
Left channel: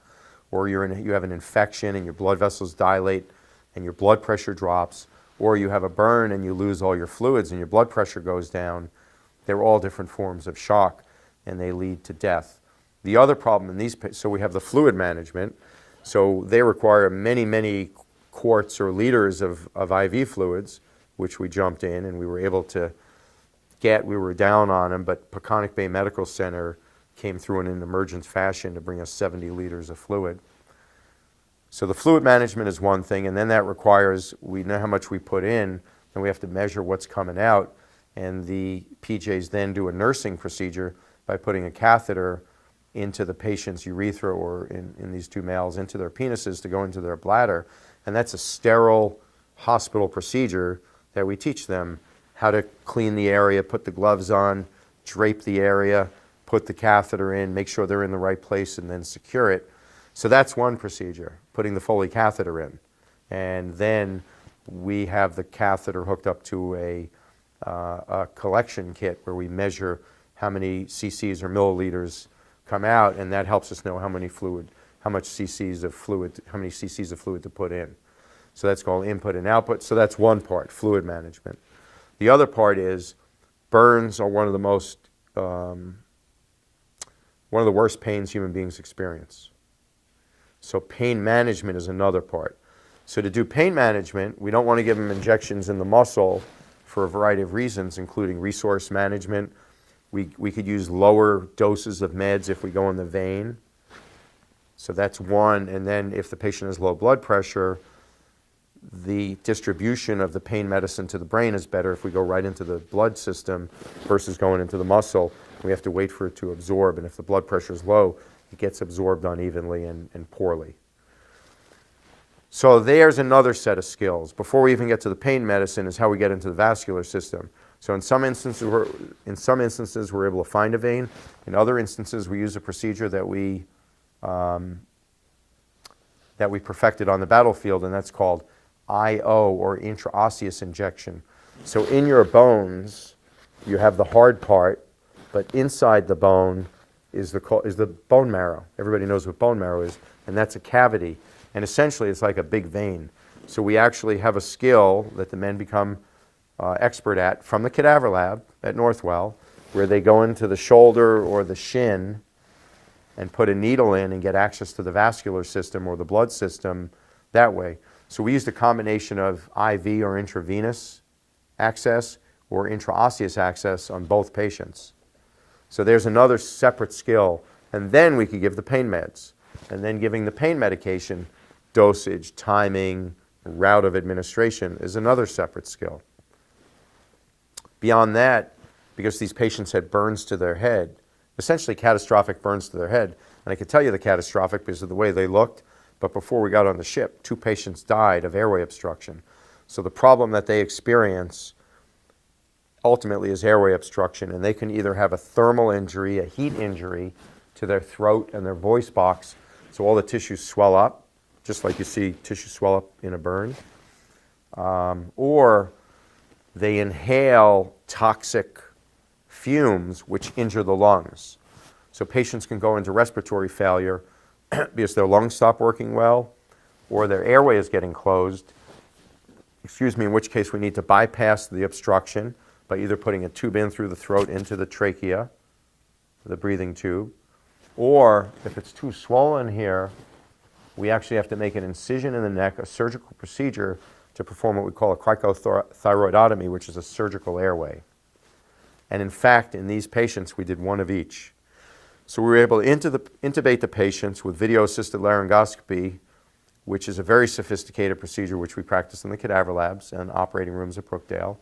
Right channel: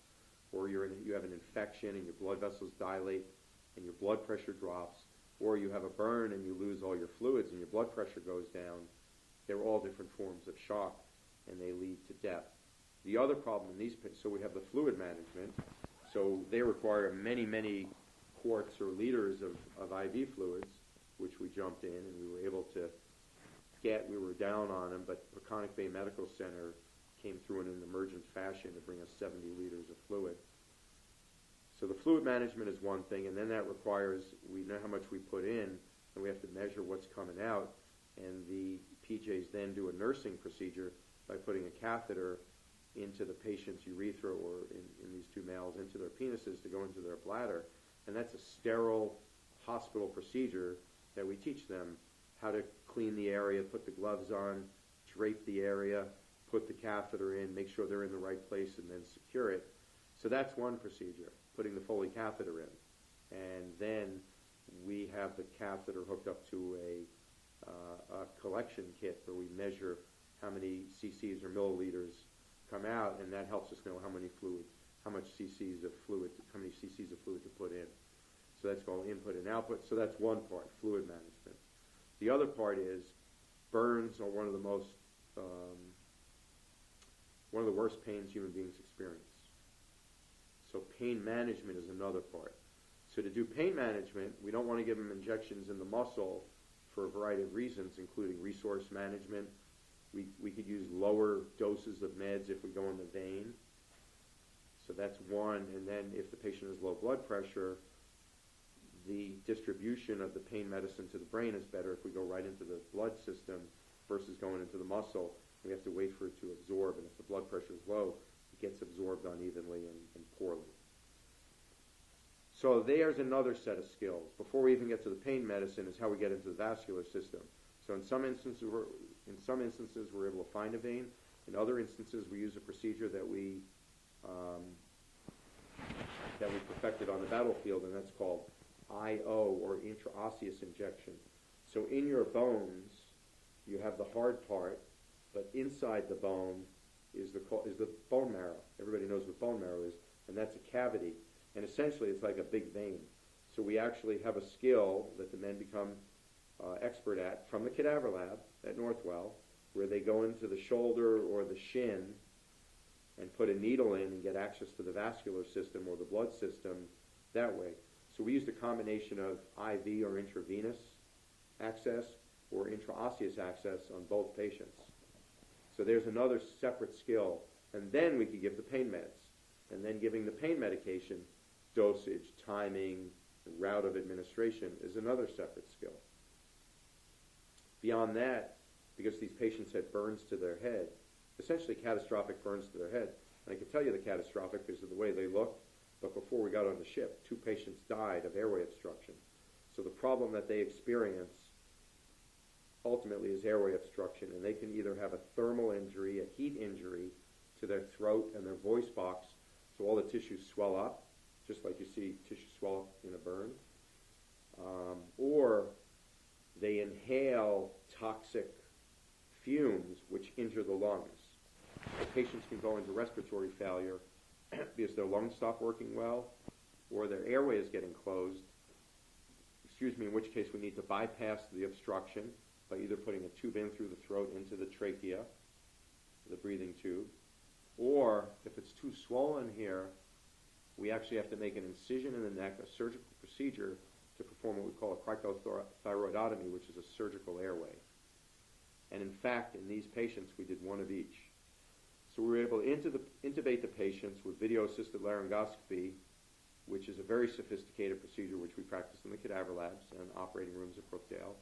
or you have an infection and your blood vessels dilate and your blood pressure drops, or you have a burn and you lose all your fluids and your blood pressure goes down, they're all different forms of shock, and they lead to death. The other problem in these, so we have the fluid management, so they require many, many quarts or liters of IV fluids, which we jumped in and we were able to we were down on them, but Peconic Bay Medical Center came through in an emergent fashion to bring us 70 liters of fluid. So the fluid management is one thing, and then that requires, we know how much we put in, and we have to measure what's coming out, and the PJs then do a nursing procedure by putting a catheter into the patient's urethra, or in these two males, into their penises to go into their bladder. And that's a sterile hospital procedure that we teach them how to clean the area, put the gloves on, drape the area, put the catheter in, make sure they're in the right place, and then secure it. So that's one procedure, putting the Foley catheter in. And then we have the catheter hooked up to a collection kit where we measure how many cc's or milliliters come out, and that helps us know how many cc's of fluid to put in. So that's called input and output. So that's one part, fluid management. The other part is burns are one of the worst pains human beings experience. So pain management is another part. So to do pain management, we don't want to give them injections in the muscle for a variety of reasons, including resource management. We could use lower doses of meds if we go in the vein. So that's one. And then if the patient has low blood pressure, the distribution of the pain medicine to the brain is better if we go right into the blood system versus going into the muscle. We have to wait for it to absorb, and if the blood pressure is low, it gets absorbed unevenly and poorly. So there's another set of skills. Before we even get to the pain medicine is how we get into the vascular system. So in some instances, we're able to find a vein. In other instances, we use a procedure that we perfected on the battlefield, and that's called IO, or intraosseous injection. So in your bones, you have the hard part, but inside the bone is the bone marrow. Everybody knows what bone marrow is, and that's a cavity. And essentially, it's like a big vein. So we actually have a skill that the men become expert at from the cadaver lab at Northwell, where they go into the shoulder or the shin and put a needle in and get access to the vascular system or the blood system that way. So we used a combination of IV or intravenous access or intraosseous access on both patients. So there's another separate skill. And then we could give the pain meds. And then giving the pain medication, dosage, timing, route of administration is another separate skill. Beyond that, because these patients had burns to their head, essentially catastrophic burns to their head, and I could tell you the catastrophic because of the way they looked, but before we got on the ship, 2 patients died of airway obstruction. So the problem that they experience ultimately is airway obstruction, and they can either have a thermal injury, a heat injury to their throat and their voice box, so all the tissues swell up, just like you see tissue swell up in a burn, or they inhale toxic fumes which injure the lungs. So patients can go into respiratory failure because their lungs stop working well, or their airway is getting closed, in which case we need to bypass the obstruction by either putting a tube in through the throat into the trachea, the breathing tube, or if it's too swollen here, we actually have to make an incision in the neck, a surgical procedure to perform what we call a cricothyroidotomy, which is a surgical airway. And in fact, in these patients, we did one of each. So we were able to intubate the patients with video-assisted laryngoscopy, which is a very sophisticated procedure which we practice in the cadaver labs and operating rooms at Brookdale.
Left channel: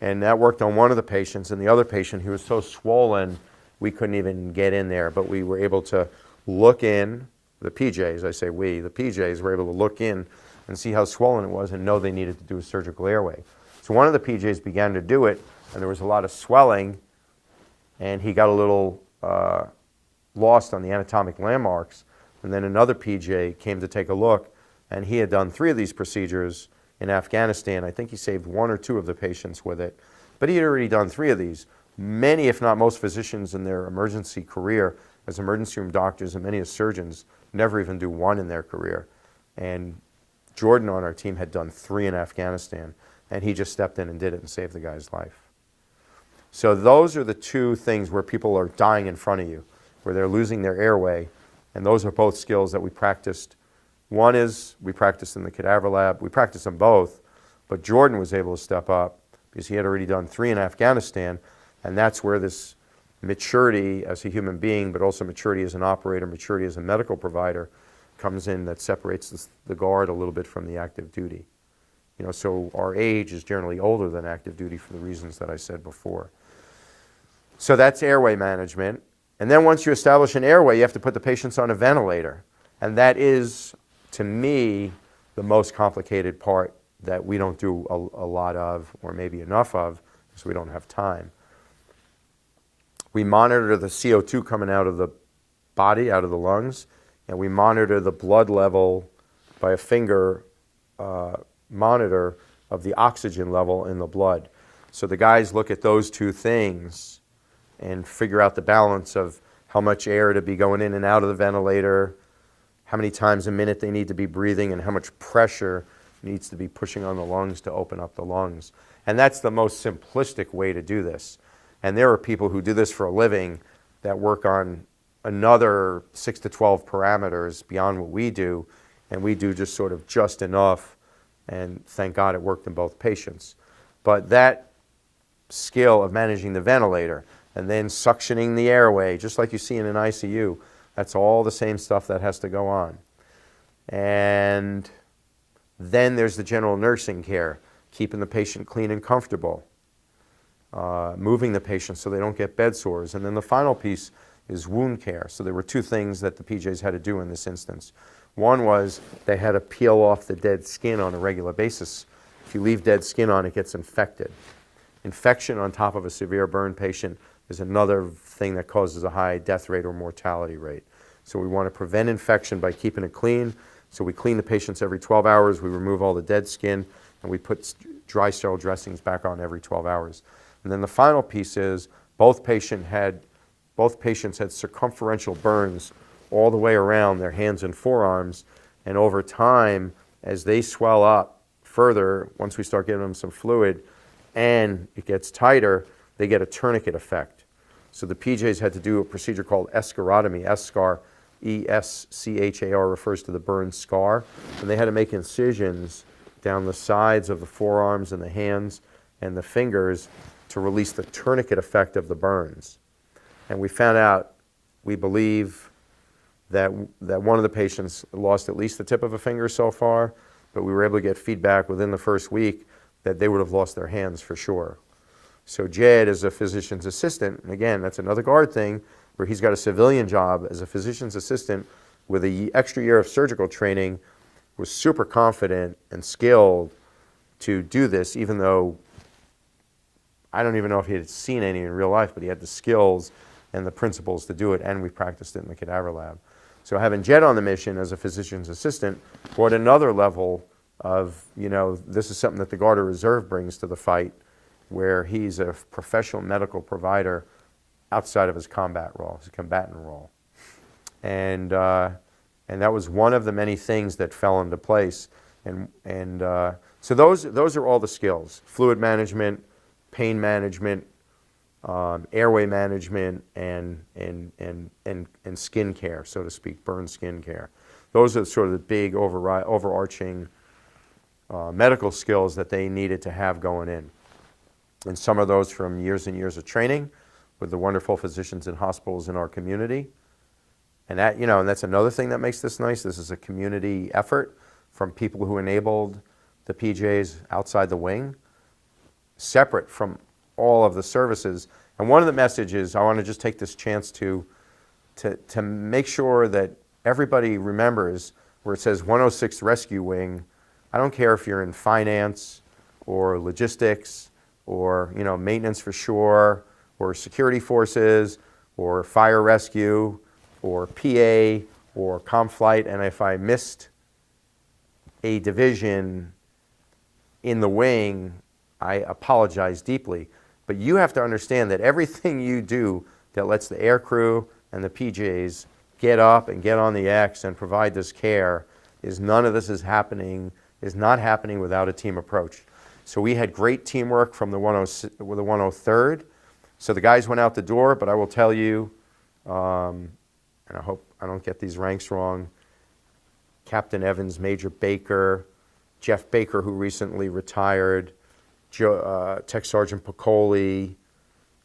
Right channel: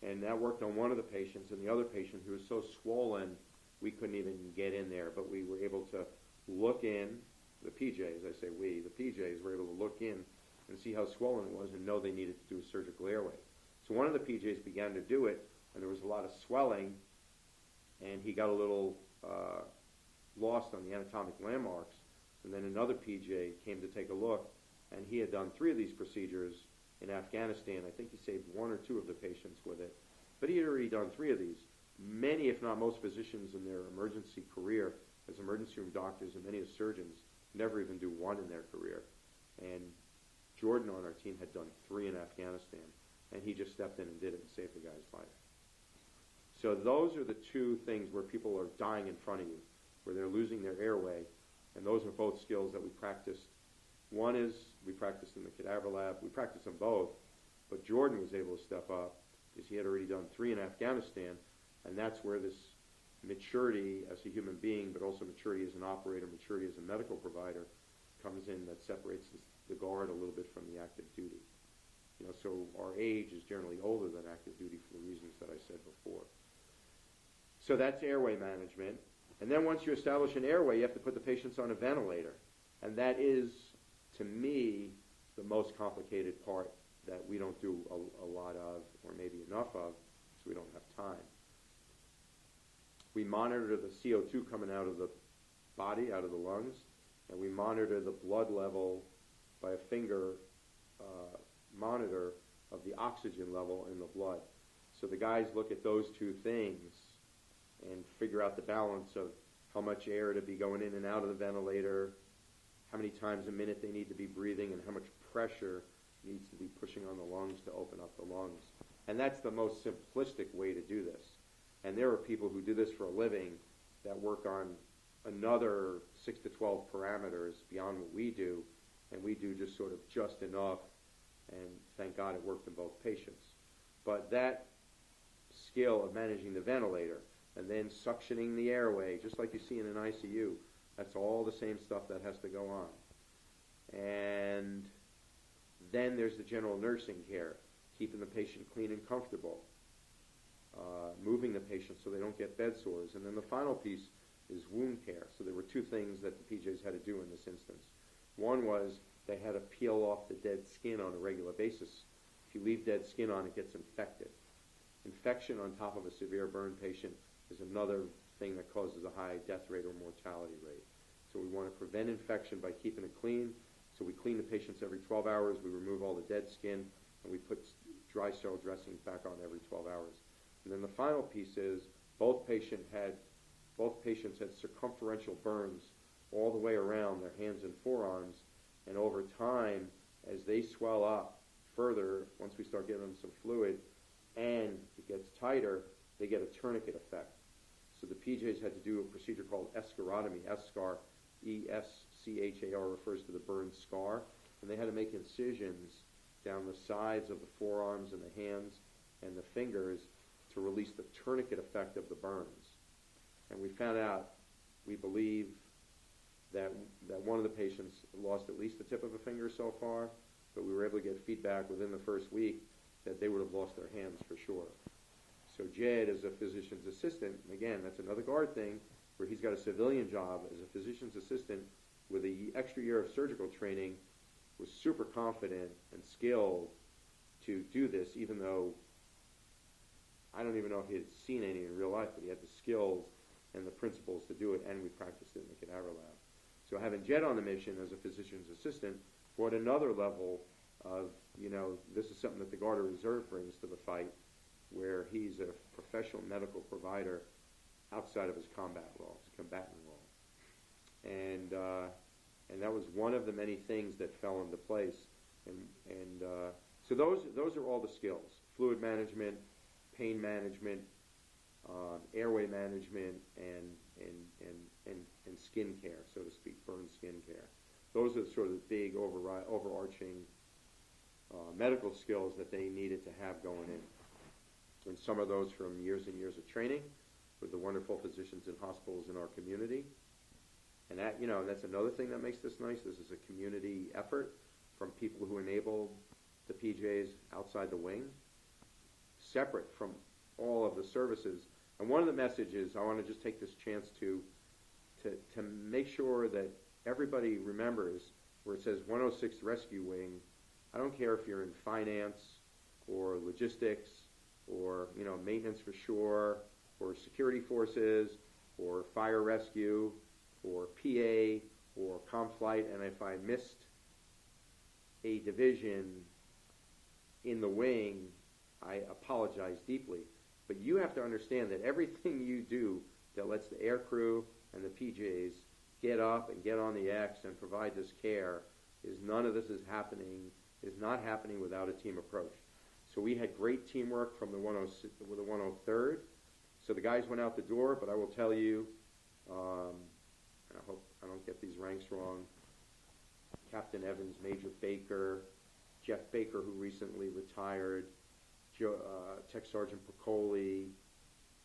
And that worked on one of the patients, and the other patient, he was so swollen we couldn't even get in there, but we were able to look in, the PJs, I say we, the PJs were able to look in and see how swollen it was and know they needed to do a surgical airway. So one of the PJs began to do it, and there was a lot of swelling, and he got a little lost on the anatomic landmarks. And then another PJ came to take a look, and he had done 3 of these procedures in Afghanistan. I think he saved 1 or 2 of the patients with it, but he had already done 3 of these. Many, if not most, physicians in their emergency career as emergency room doctors, and many as surgeons, never even do 1 in their career. And Jordan on our team had done 3 in Afghanistan, and he just stepped in and did it and saved the guy's life. So those are the 2 things where people are dying in front of you, where they're losing their airway, and those are both skills that we practiced. One is we practiced in the cadaver lab. We practiced them both, but Jordan was able to step up because he had already done 3 in Afghanistan, and that's where this maturity as a human being, but also maturity as an operator, maturity as a medical provider comes in, that separates the guard a little bit from the active duty. So our age is generally older than active duty for the reasons that I said before. So that's airway management. And then once you establish an airway, you have to put the patients on a ventilator. And that is, to me, the most complicated part that we don't do a lot of, or maybe enough of, because we don't have time. We monitor the CO2 coming out of the body, out of the lungs, and we monitor the blood level by a finger monitor of the oxygen level in the blood. So the guys look at those two things and figure out the balance of how much air to be going in and out of the ventilator, how many times a minute they need to be breathing, and how much pressure needs to be pushing on the lungs to open up the lungs. And that's the most simplistic way to do this. And there are people who do this for a living that work on another 6 to 12 parameters beyond what we do, and we do just sort of just enough, and thank God it worked in both patients. But that skill of managing the ventilator and then suctioning the airway, just like you see in an ICU, that's all the same stuff that has to go on. And then there's the general nursing care, keeping the patient clean and comfortable, moving the patient so they don't get bed sores. And then the final piece is wound care. So there were two things that the PJs had to do in this instance. One was they had to peel off the dead skin on a regular basis. If you leave dead skin on, it gets infected. Infection on top of a severe burn patient is another thing that causes a high death rate or mortality rate. So we want to prevent infection by keeping it clean. So we clean the patients every 12 hours, we remove all the dead skin, and we put dry sterile dressings back on every 12 hours. And then the final piece is both patients had circumferential burns all the way around their hands and forearms, and over time, as they swell up further, once we start giving them some fluid and it gets tighter, they get a tourniquet effect. So the PJs had to do a procedure called escharotomy, S-scar, E-S-C-H-A-R refers to the burn scar, and they had to make incisions down the sides of the forearms and the hands and the fingers to release the tourniquet effect of the burns. And we found out, we believe, that one of the patients lost at least the tip of a finger so far, but we were able to get feedback within the first week that they would have lost their hands for sure. So Jed, as a physician's assistant, and again, that's another guard thing, where he's got a civilian job as a physician's assistant with an extra year of surgical training, was super confident and skilled to do this, even though I don't even know if he had seen any in real life, but he had the skills and the principles to do it, and we practiced it in the cadaver lab. So having Jed on the mission as a physician's assistant brought another level of, this is something that the Guard of Reserve brings to the fight, where he's a professional medical provider outside of his combat role, his combatant role. And that was one of the many things that fell into place. So those are all the skills: fluid management, pain management, airway management, and skin care, so to speak, burn skin care. Those are sort of the big overarching medical skills that they needed to have going in. And some of those from years and years of training with the wonderful physicians in hospitals in our community. And that, and that's another thing that makes this nice. This is a community effort from people who enabled the PJs outside the wing, separate from all of the services. And one of the messages, I want to just take this chance to make sure that everybody remembers where it says 106th Rescue Wing. I don't care if you're in finance or logistics or maintenance for shore or security forces or fire rescue or PA or ComFlight, and if I missed a division in the wing, I apologize deeply. But you have to understand that everything you do that lets the air crew and the PJs get up and get on the X and provide this care none of this is not happening without a team approach. So we had great teamwork from the 103rd. So the guys went out the door, but I will tell you, and I hope I don't get these ranks wrong, Captain Evans, Major Baker, Jeff Baker, who recently retired, Tech Sergeant Piccoli,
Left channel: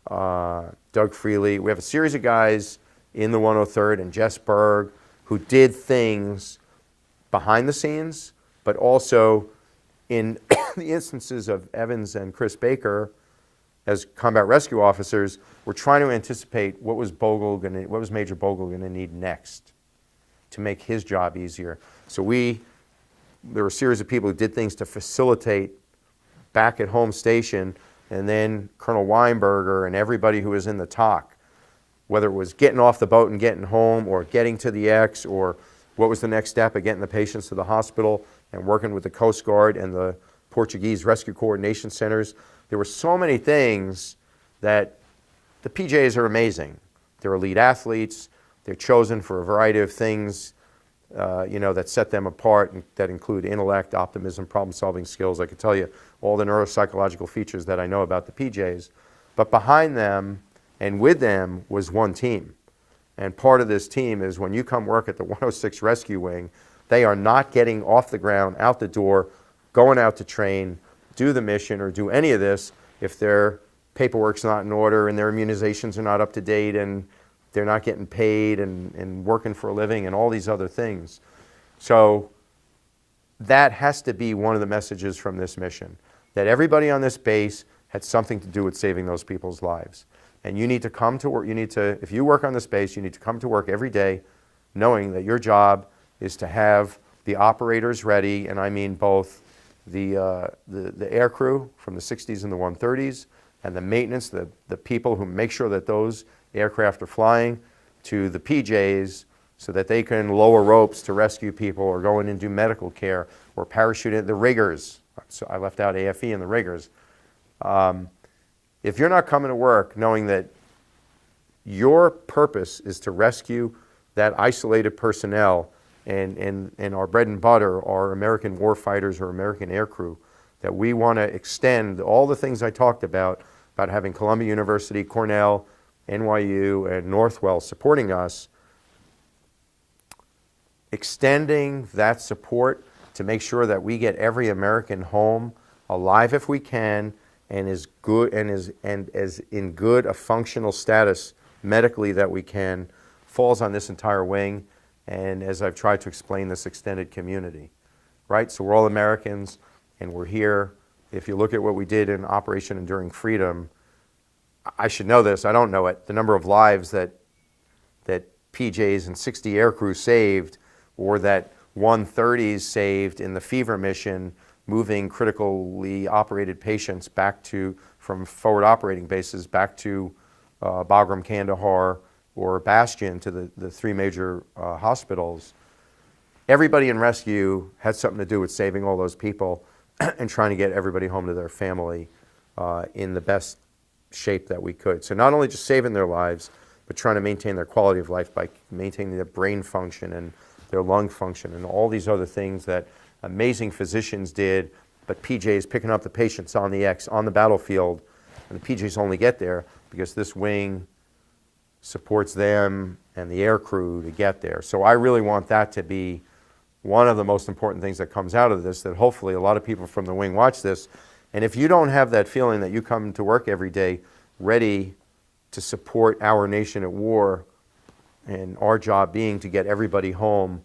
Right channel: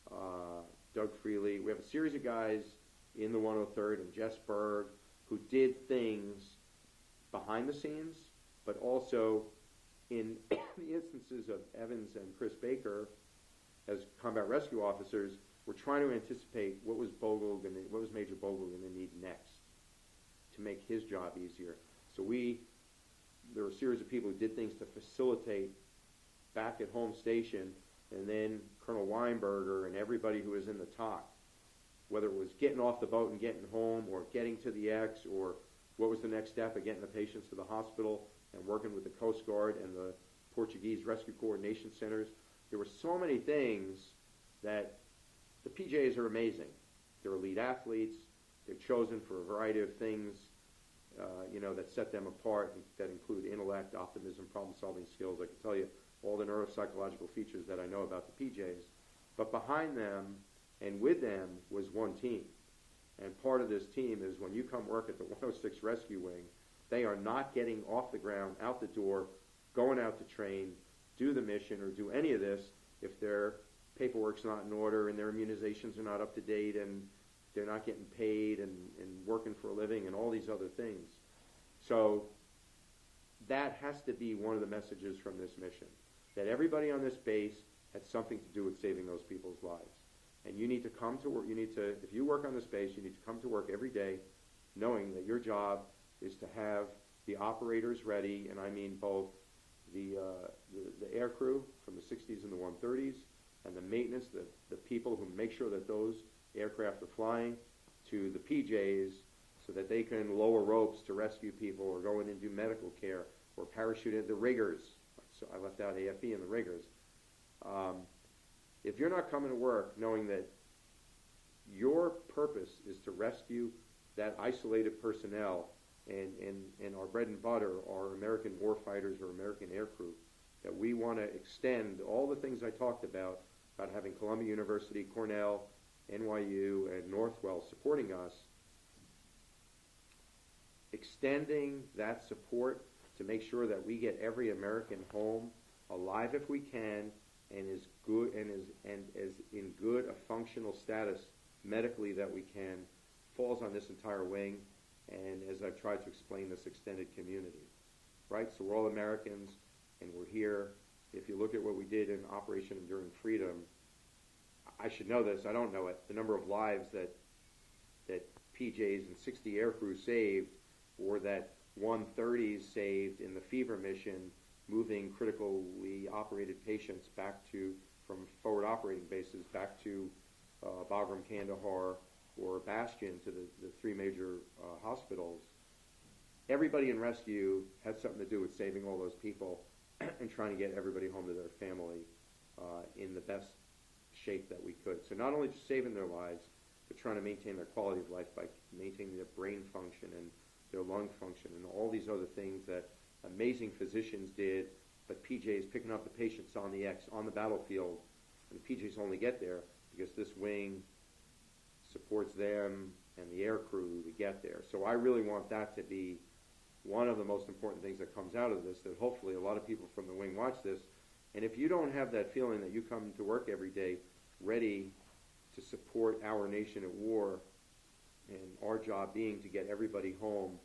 Doug Freely. We have a series of guys in the 103rd, and Jess Berg, who did things behind the scenes, but also in the instances of Evans and Chris Baker, as combat rescue officers, we're trying to anticipate what was Major Bogle going to need next to make his job easier. So there were a series of people who did things to facilitate back at home station, and then Colonel Weinberger and everybody who was in the TOC, whether it was getting off the boat and getting home, or getting to the X, or what was the next step of getting the patients to the hospital, and working with the Coast Guard and the Portuguese Rescue Coordination Centers. There were so many things that the PJs are amazing. They're elite athletes. They're chosen for a variety of things, that set them apart, and that include intellect, optimism, problem-solving skills. I could tell you all the neuropsychological features that I know about the PJs. But behind them and with them was one team. And part of this team is when you come work at the 106 Rescue Wing, they are not getting off the ground, out the door, going out to train, do the mission, or do any of this if their paperwork's not in order and their immunizations are not up to date and they're not getting paid and working for a living and all these other things. So that has to be one of the messages from this mission, that everybody on this base had something to do with saving those people's lives. And you need to come to work, if you work on this base, you need to come to work every day knowing that your job is to have the operators ready, and I mean both the air crew from the 60s and the 130s, and the maintenance, the people who make sure that those aircraft are flying, to the PJs so that they can lower ropes to rescue people, or go in and do medical care, or parachute in, the riggers. So I left out AFE and the riggers. If you're not coming to work knowing that your purpose is to rescue that isolated personnel and our bread and butter, our American warfighters or American aircrew, that we want to extend all the things I talked about having Columbia University, Cornell, NYU, and Northwell supporting us, extending that support to make sure that we get every American home alive if we can, and as good and as in good a functional status medically that we can, falls on this entire wing, and as I've tried to explain, this extended community, right? So we're all Americans, and we're here. If you look at what we did in Operation Enduring Freedom, I should know this, I don't know it, the number of lives that PJs and 60 aircrew saved, or that 130s saved in the Fever mission, moving critically operated patients from forward operating bases back to Bagram, Kandahar, or Bastion, to the three major hospitals. Everybody in rescue had something to do with saving all those people and trying to get everybody home to their family in the best shape that we could. So not only just saving their lives, but trying to maintain their quality of life by maintaining their brain function and their lung function and all these other things that amazing physicians did, but PJs picking up the patients on the X, on the battlefield, and the PJs only get there because this wing supports them and the air crew to get there. So I really want that to be one of the most important things that comes out of this, that hopefully a lot of people from the wing watch this. And if you don't have that feeling that you come to work every day ready to support our nation at war, and our job being to get everybody home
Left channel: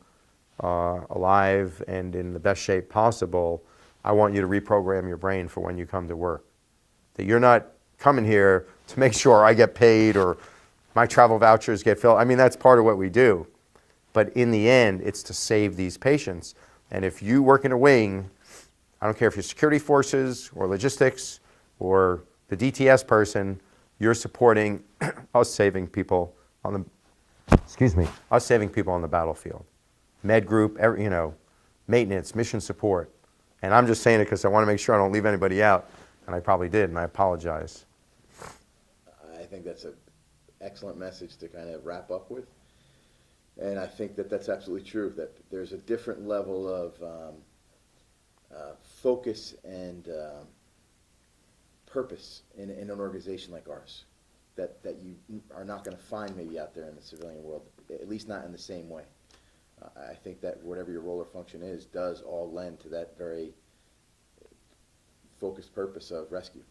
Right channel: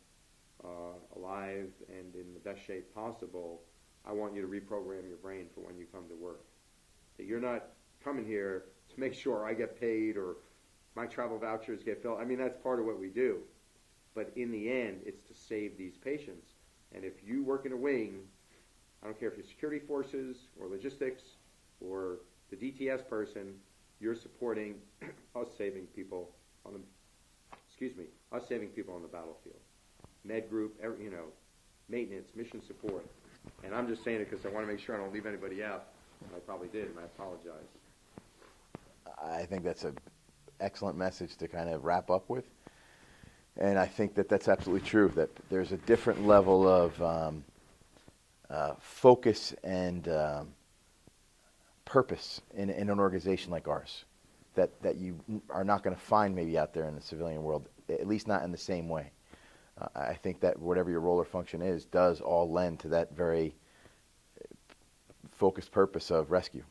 alive and in the best shape possible, I want you to reprogram your brain for when you come to work. That you're not coming here to make sure I get paid or my travel vouchers get filled. I mean, that's part of what we do. But in the end, it's to save these patients. And if you work in a wing, I don't care if you're security forces or logistics or the DTS person, you're supporting us saving people on the battlefield. Med group, maintenance, mission support. And I'm just saying it because I want to make sure I don't leave anybody out. And I probably did, and I apologize. I think that's an excellent message to kind of wrap up with. And I think that that's absolutely true, that there's a different level of focus and purpose in an organization like ours that you are not going to find maybe out there in the civilian world, at least not in the same way. I think that whatever your role or function is does all lend to that very focused purpose of rescue.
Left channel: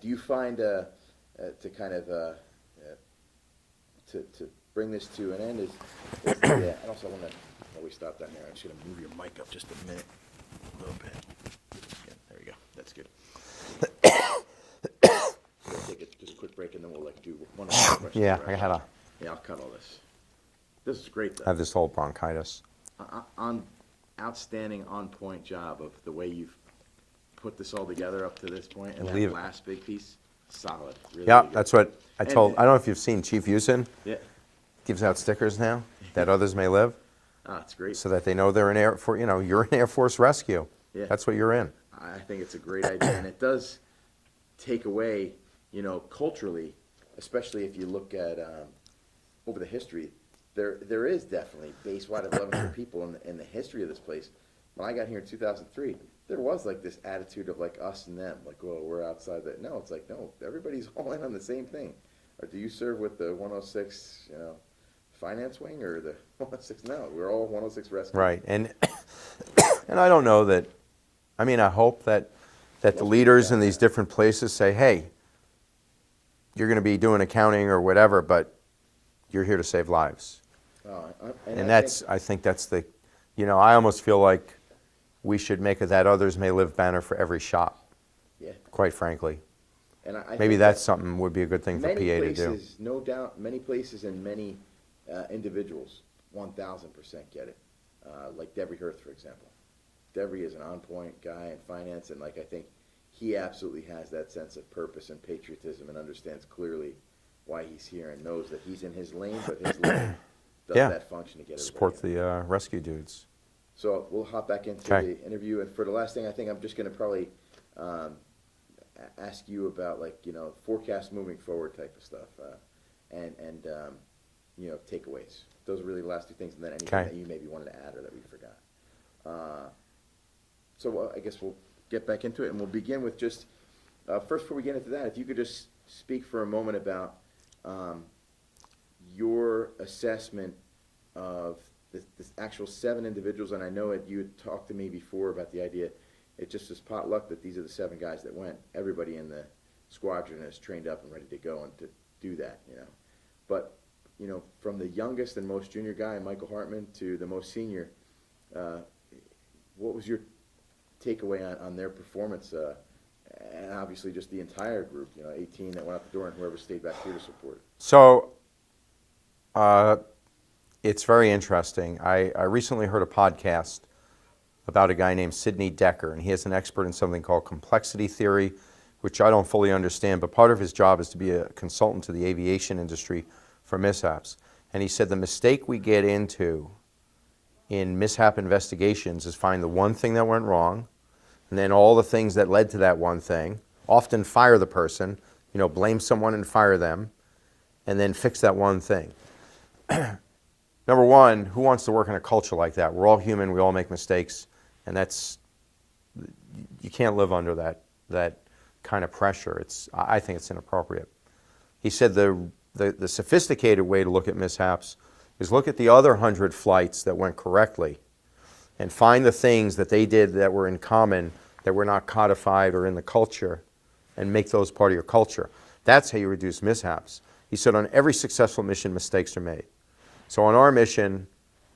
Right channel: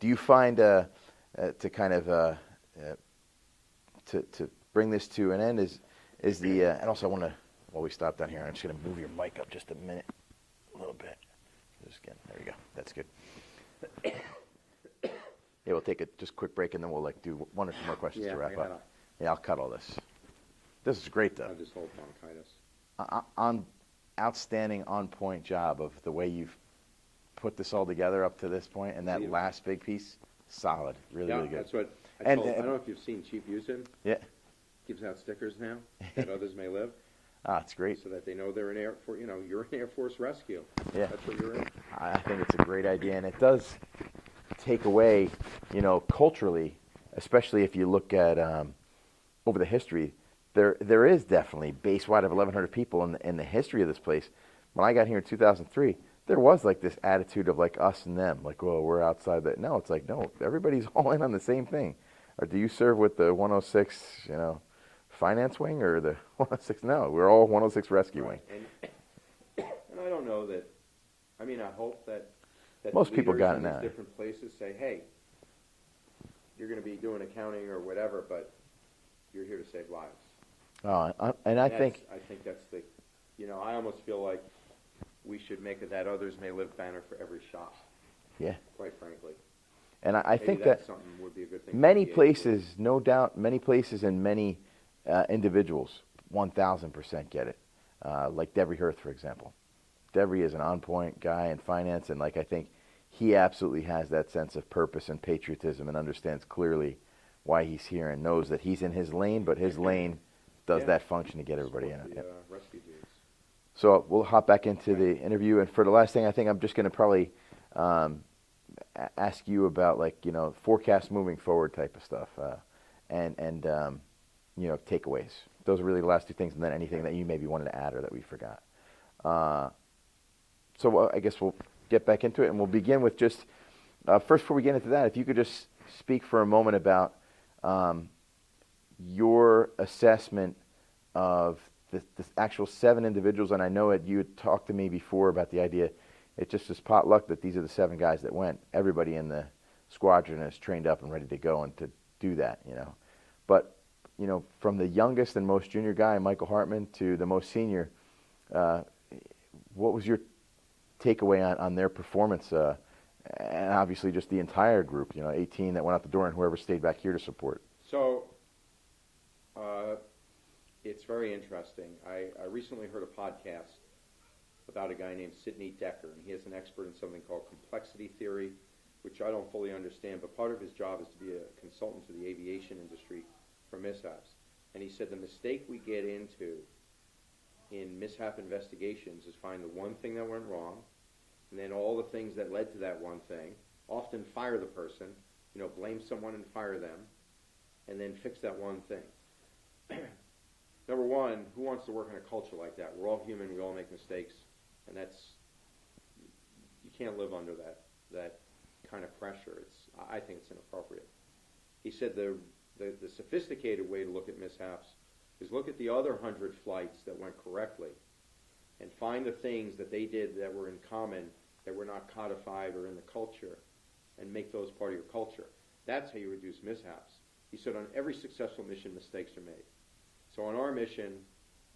Do you find to kind of to bring this to an end is the and also I want to, while we stop down here, I'm just going to move your mic up just a minute, a little bit. Again, there you go. That's good. take a just quick break, and then we'll like do one or two questions. Yeah, to wrap I up. gotta Yeah, I'll cut all this. This is great, though. have this whole bronchitis. Outstanding, on-point job of the way you've put this all together up to this point, and Leave that it. last big piece, solid. Really, Yeah, really good. that's what I And- told. I don't know if you've seen Chief Houston Yeah. gives out stickers now that others may live, It's great. so that they know they're in Air Force. You know, you're in Air Force Rescue. Yeah. That's what you're in. I think it's a great idea, and it does take away, culturally, especially if you look at over the history, there is definitely base-wide of 1,100 people in the history of this place. When I got here in 2003, there was like this attitude of like us and them, like, oh, we're outside that. No, it's like, no, everybody's all in on the same thing. Or do you serve with the 106, finance wing, or the 106? No, we're all 106 rescue. Right, and and I don't know that. I mean, I hope that the Most people leaders got in these that. different places say, hey, you're going to be doing accounting or whatever, but you're here to save lives. And I think that's the, I almost feel like we should make a "That Others May Live" banner for every shop. yeah, Quite frankly, and I maybe think that's that something would be a good thing for many PA places, to do. no doubt, many places and many individuals, 1,000% get it. Like Devery Hirth, for example. Devery is an on-point guy in finance, and I think he absolutely has that sense of purpose and patriotism, and understands clearly why he's here, and knows that he's in his lane, but his lane does Yeah. that function to get everybody Support in. the rescue dudes. So we'll hop back into Okay. the interview, and for the last thing, I think I'm just going to probably ask you about forecast moving forward type of stuff, and takeaways. Those are really the last two things, and then anything Okay. that you maybe wanted to add or that we forgot. So I guess we'll get back into it, and we'll begin with just first, before we get into that, if you could just speak for a moment about your assessment of the actual 7 individuals. And I know you had talked to me before about the idea, it just is potluck that these are the 7 guys that went. Everybody in the squadron is trained up and ready to go and to do that, But, from the youngest and most junior guy, Michael Hartman, to the most senior, what was your takeaway on their performance? And obviously just the entire group, 18 that went out the door and whoever stayed back here to support. So, it's very interesting. I recently heard a podcast about a guy named Sidney Decker, and he is an expert in something called complexity theory, which I don't fully understand, but part of his job is to be a consultant to the aviation industry for mishaps. And he said the mistake we get into in mishap investigations is find the one thing that went wrong, and then all the things that led to that one thing, often fire the person, blame someone and fire them, and then fix that one thing. Number one, who wants to work in a culture like that? We're all human, we all make mistakes, and you can't live under that kind of pressure. I think it's inappropriate. He said the sophisticated way to look at mishaps is look at the other 100 flights that went correctly and find the things that they did that were in common, that were not codified or in the culture, and make those part of your culture. That's how you reduce mishaps. He said on every successful mission, mistakes are made. So on our mission,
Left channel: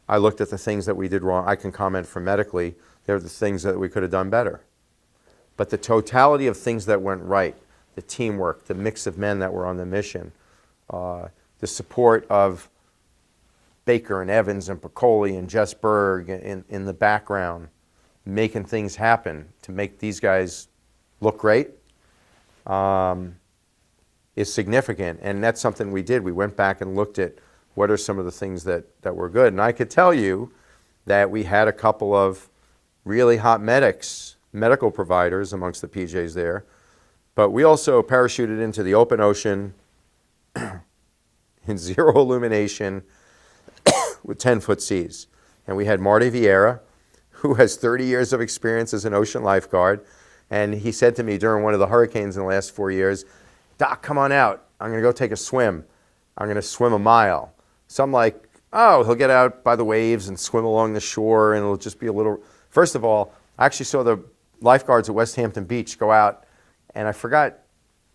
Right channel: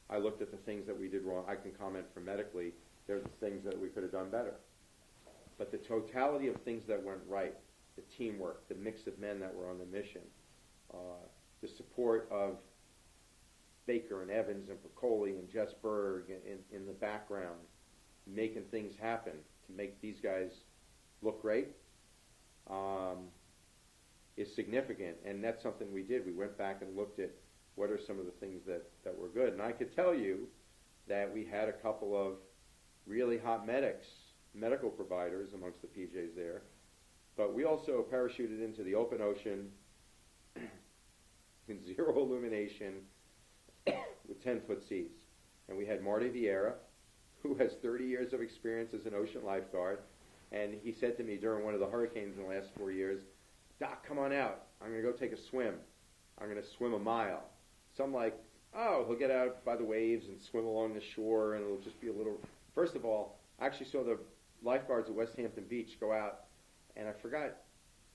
I looked at the things that we did wrong. I can comment from medically. They're the things that we could have done better. But the totality of things that went right, the teamwork, the mix of men that were on the mission, the support of Baker and Evans and Piccoli and Jess Berg in the background, making things happen to make these guys look great, is significant. And that's something we did. We went back and looked at what are some of the things that were good. And I could tell you that we had a couple of really hot medical providers amongst the PJs there. But we also parachuted into the open ocean in zero illumination with 10-foot seas. And we had Marty Vieira, who has 30 years of experience as an ocean lifeguard. And he said to me during one of the hurricanes in the last 4 years, "Doc, come on out. I'm going to go take a swim. I'm going to swim a mile." So I'm like, oh, he'll get out by the waves and swim along the shore, and it'll just be a little... First of all, I actually saw the lifeguards at Westhampton Beach go out, and I forgot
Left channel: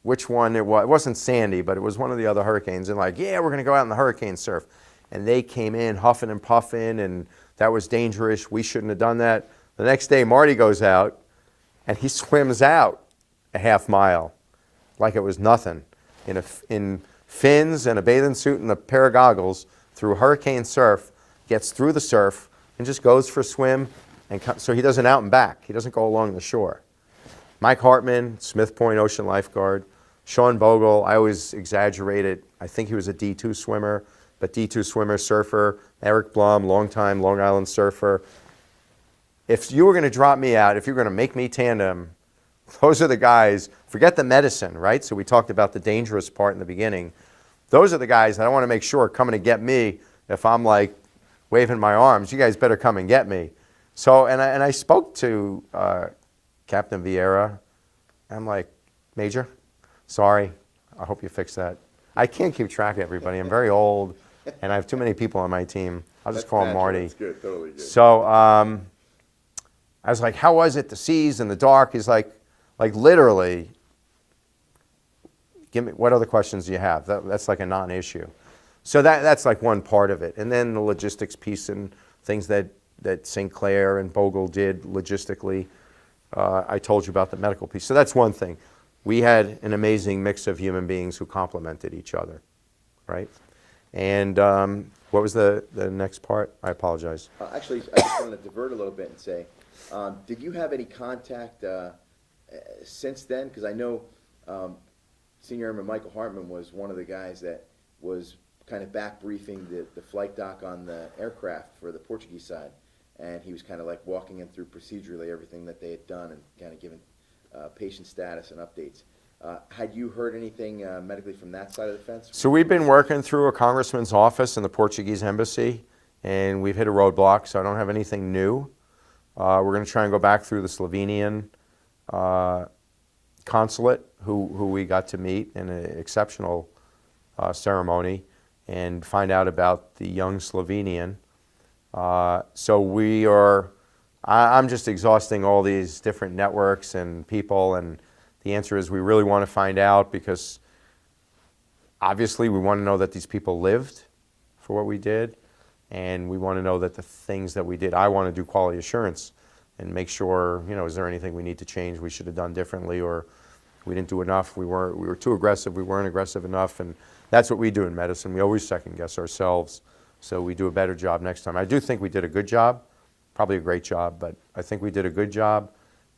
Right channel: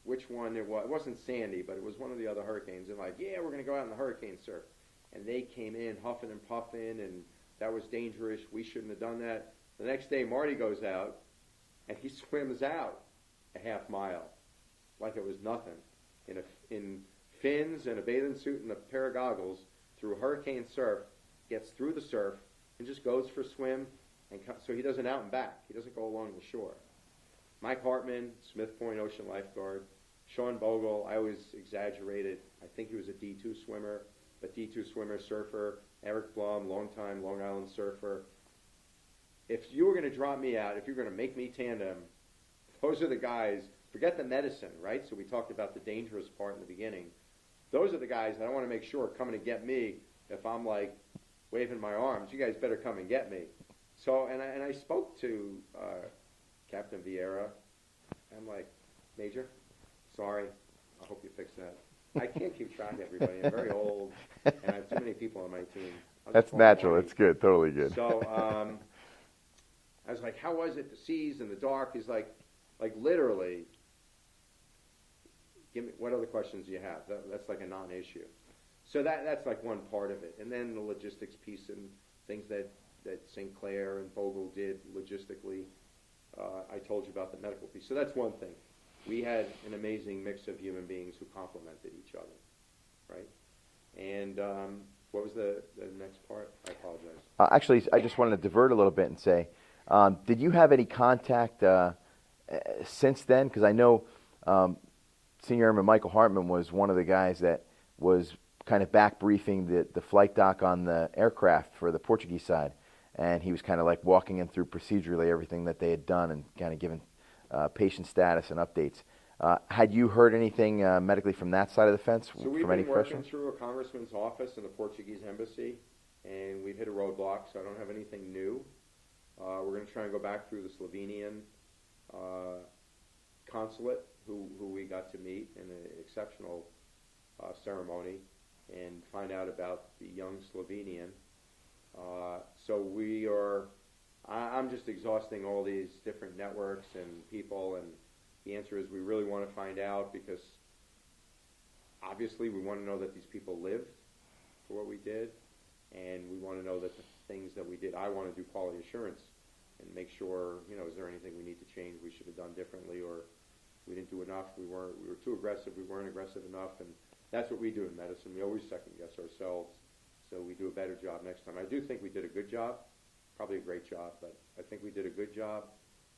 which one it was. It wasn't Sandy, but it was one of the other hurricanes. And like, yeah, we're going to go out in the hurricane surf. And they came in huffing and puffing, and that was dangerous. We shouldn't have done that. The next day, Marty goes out, and he swims out a half mile like it was nothing. in fins and a bathing suit and a pair of goggles through hurricane surf, gets through the surf, and just goes for a swim, and so he doesn't out and back. He doesn't go along the shore. Mike Hartman, Smith Point Ocean Lifeguard. Sean Bogle, I always exaggerate it. I think he was a D2 swimmer, but D2 swimmer, surfer. Eric Blum, longtime Long Island surfer. If you were going to drop me out, if you're going to make me tandem, those are the guys. Forget the medicine, right? So we talked about the dangerous part in the beginning. Those are the guys that I want to make sure are coming to get me. If I'm like waving my arms, you guys better come and get me. So, and I spoke to Captain Vieira. I'm like, Major, sorry, I hope you fix that. I can't keep track of everybody. I'm very old, and I have too many people on my team. I'll just call him Marty. That's good, totally good. So I was like, how was it, the seas and the dark? He's like literally, give me, what other questions do you have? That's like a non-issue. So that's like one part of it. And then the logistics piece and things that St. Clair and Bogle did logistically. I told you about the medical piece. So that's one thing. We had an amazing mix of human beings who complemented each other, right? And what was the next part? I apologize. Actually, I just wanted to divert a little bit and say, did you have any contact since then? Because I know Senior Airman Michael Hartman was one of the guys that was kind of back briefing the flight doc on the aircraft for the Portuguese side. And he was kind of like walking him through procedurally everything that they had done and kind of giving patient status and updates. Had you heard anything medically from that side of the fence? So we've been working through a congressman's office in the Portuguese embassy, and we've hit a roadblock, so I don't have anything new. We're going to try and go back through the Slovenian consulate, who we got to meet in an exceptional ceremony, and find out about the young Slovenian. So we are, I'm just exhausting all these different networks and people, and the answer is we really want to find out, because obviously we want to know that these people lived for what we did, and we want to know that the things that we did, I want to do quality assurance and make sure, you know, is there anything we need to change, we should have done differently, or we didn't do enough, we were too aggressive, we weren't aggressive enough, and that's what we do in medicine. We always second guess ourselves, so we do a better job next time. I do think we did a good job, probably a great job, but I think we did a good job,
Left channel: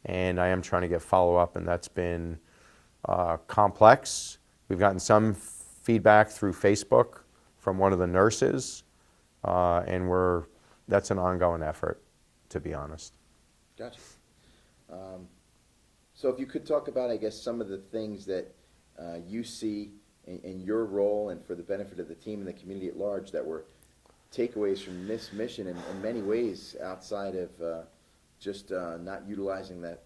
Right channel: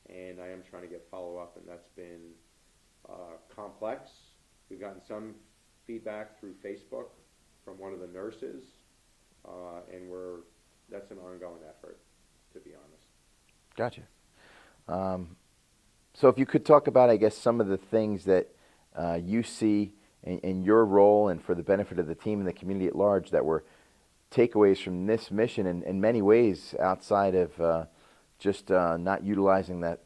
and I am trying to get follow-up, and that's been complex. We've gotten some feedback through Facebook from one of the nurses, and that's an ongoing effort, to be honest. Gotcha. So if you could talk about, I guess, some of the things that you see in your role and for the benefit of the team and the community at large that were takeaways from this mission in many ways outside of just not utilizing the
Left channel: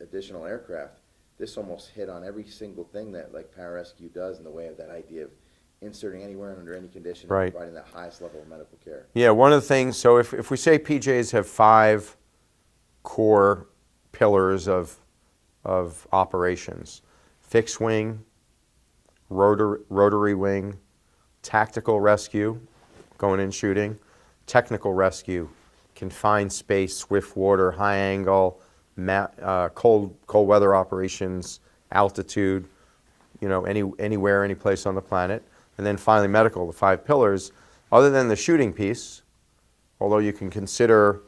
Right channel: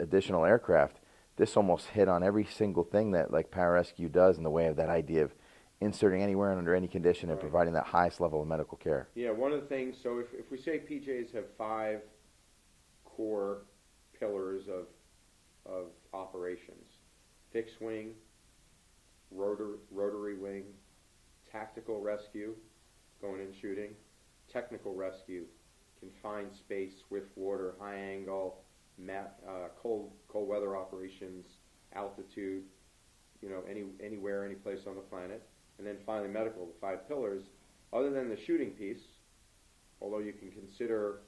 additional aircraft. This almost hit on every single thing that like pararescue does in the way of that idea of inserting anywhere and under any condition and providing that highest level of medical care. Yeah, one of the things, so if we say PJs have 5 core pillars of operations: fixed wing, rotary wing, tactical rescue, going in shooting, technical rescue, confined space, swift water, high angle, cold weather operations, altitude, you know, anywhere, any place on the planet. And then finally medical, the 5 pillars. Other than the shooting piece, although you can consider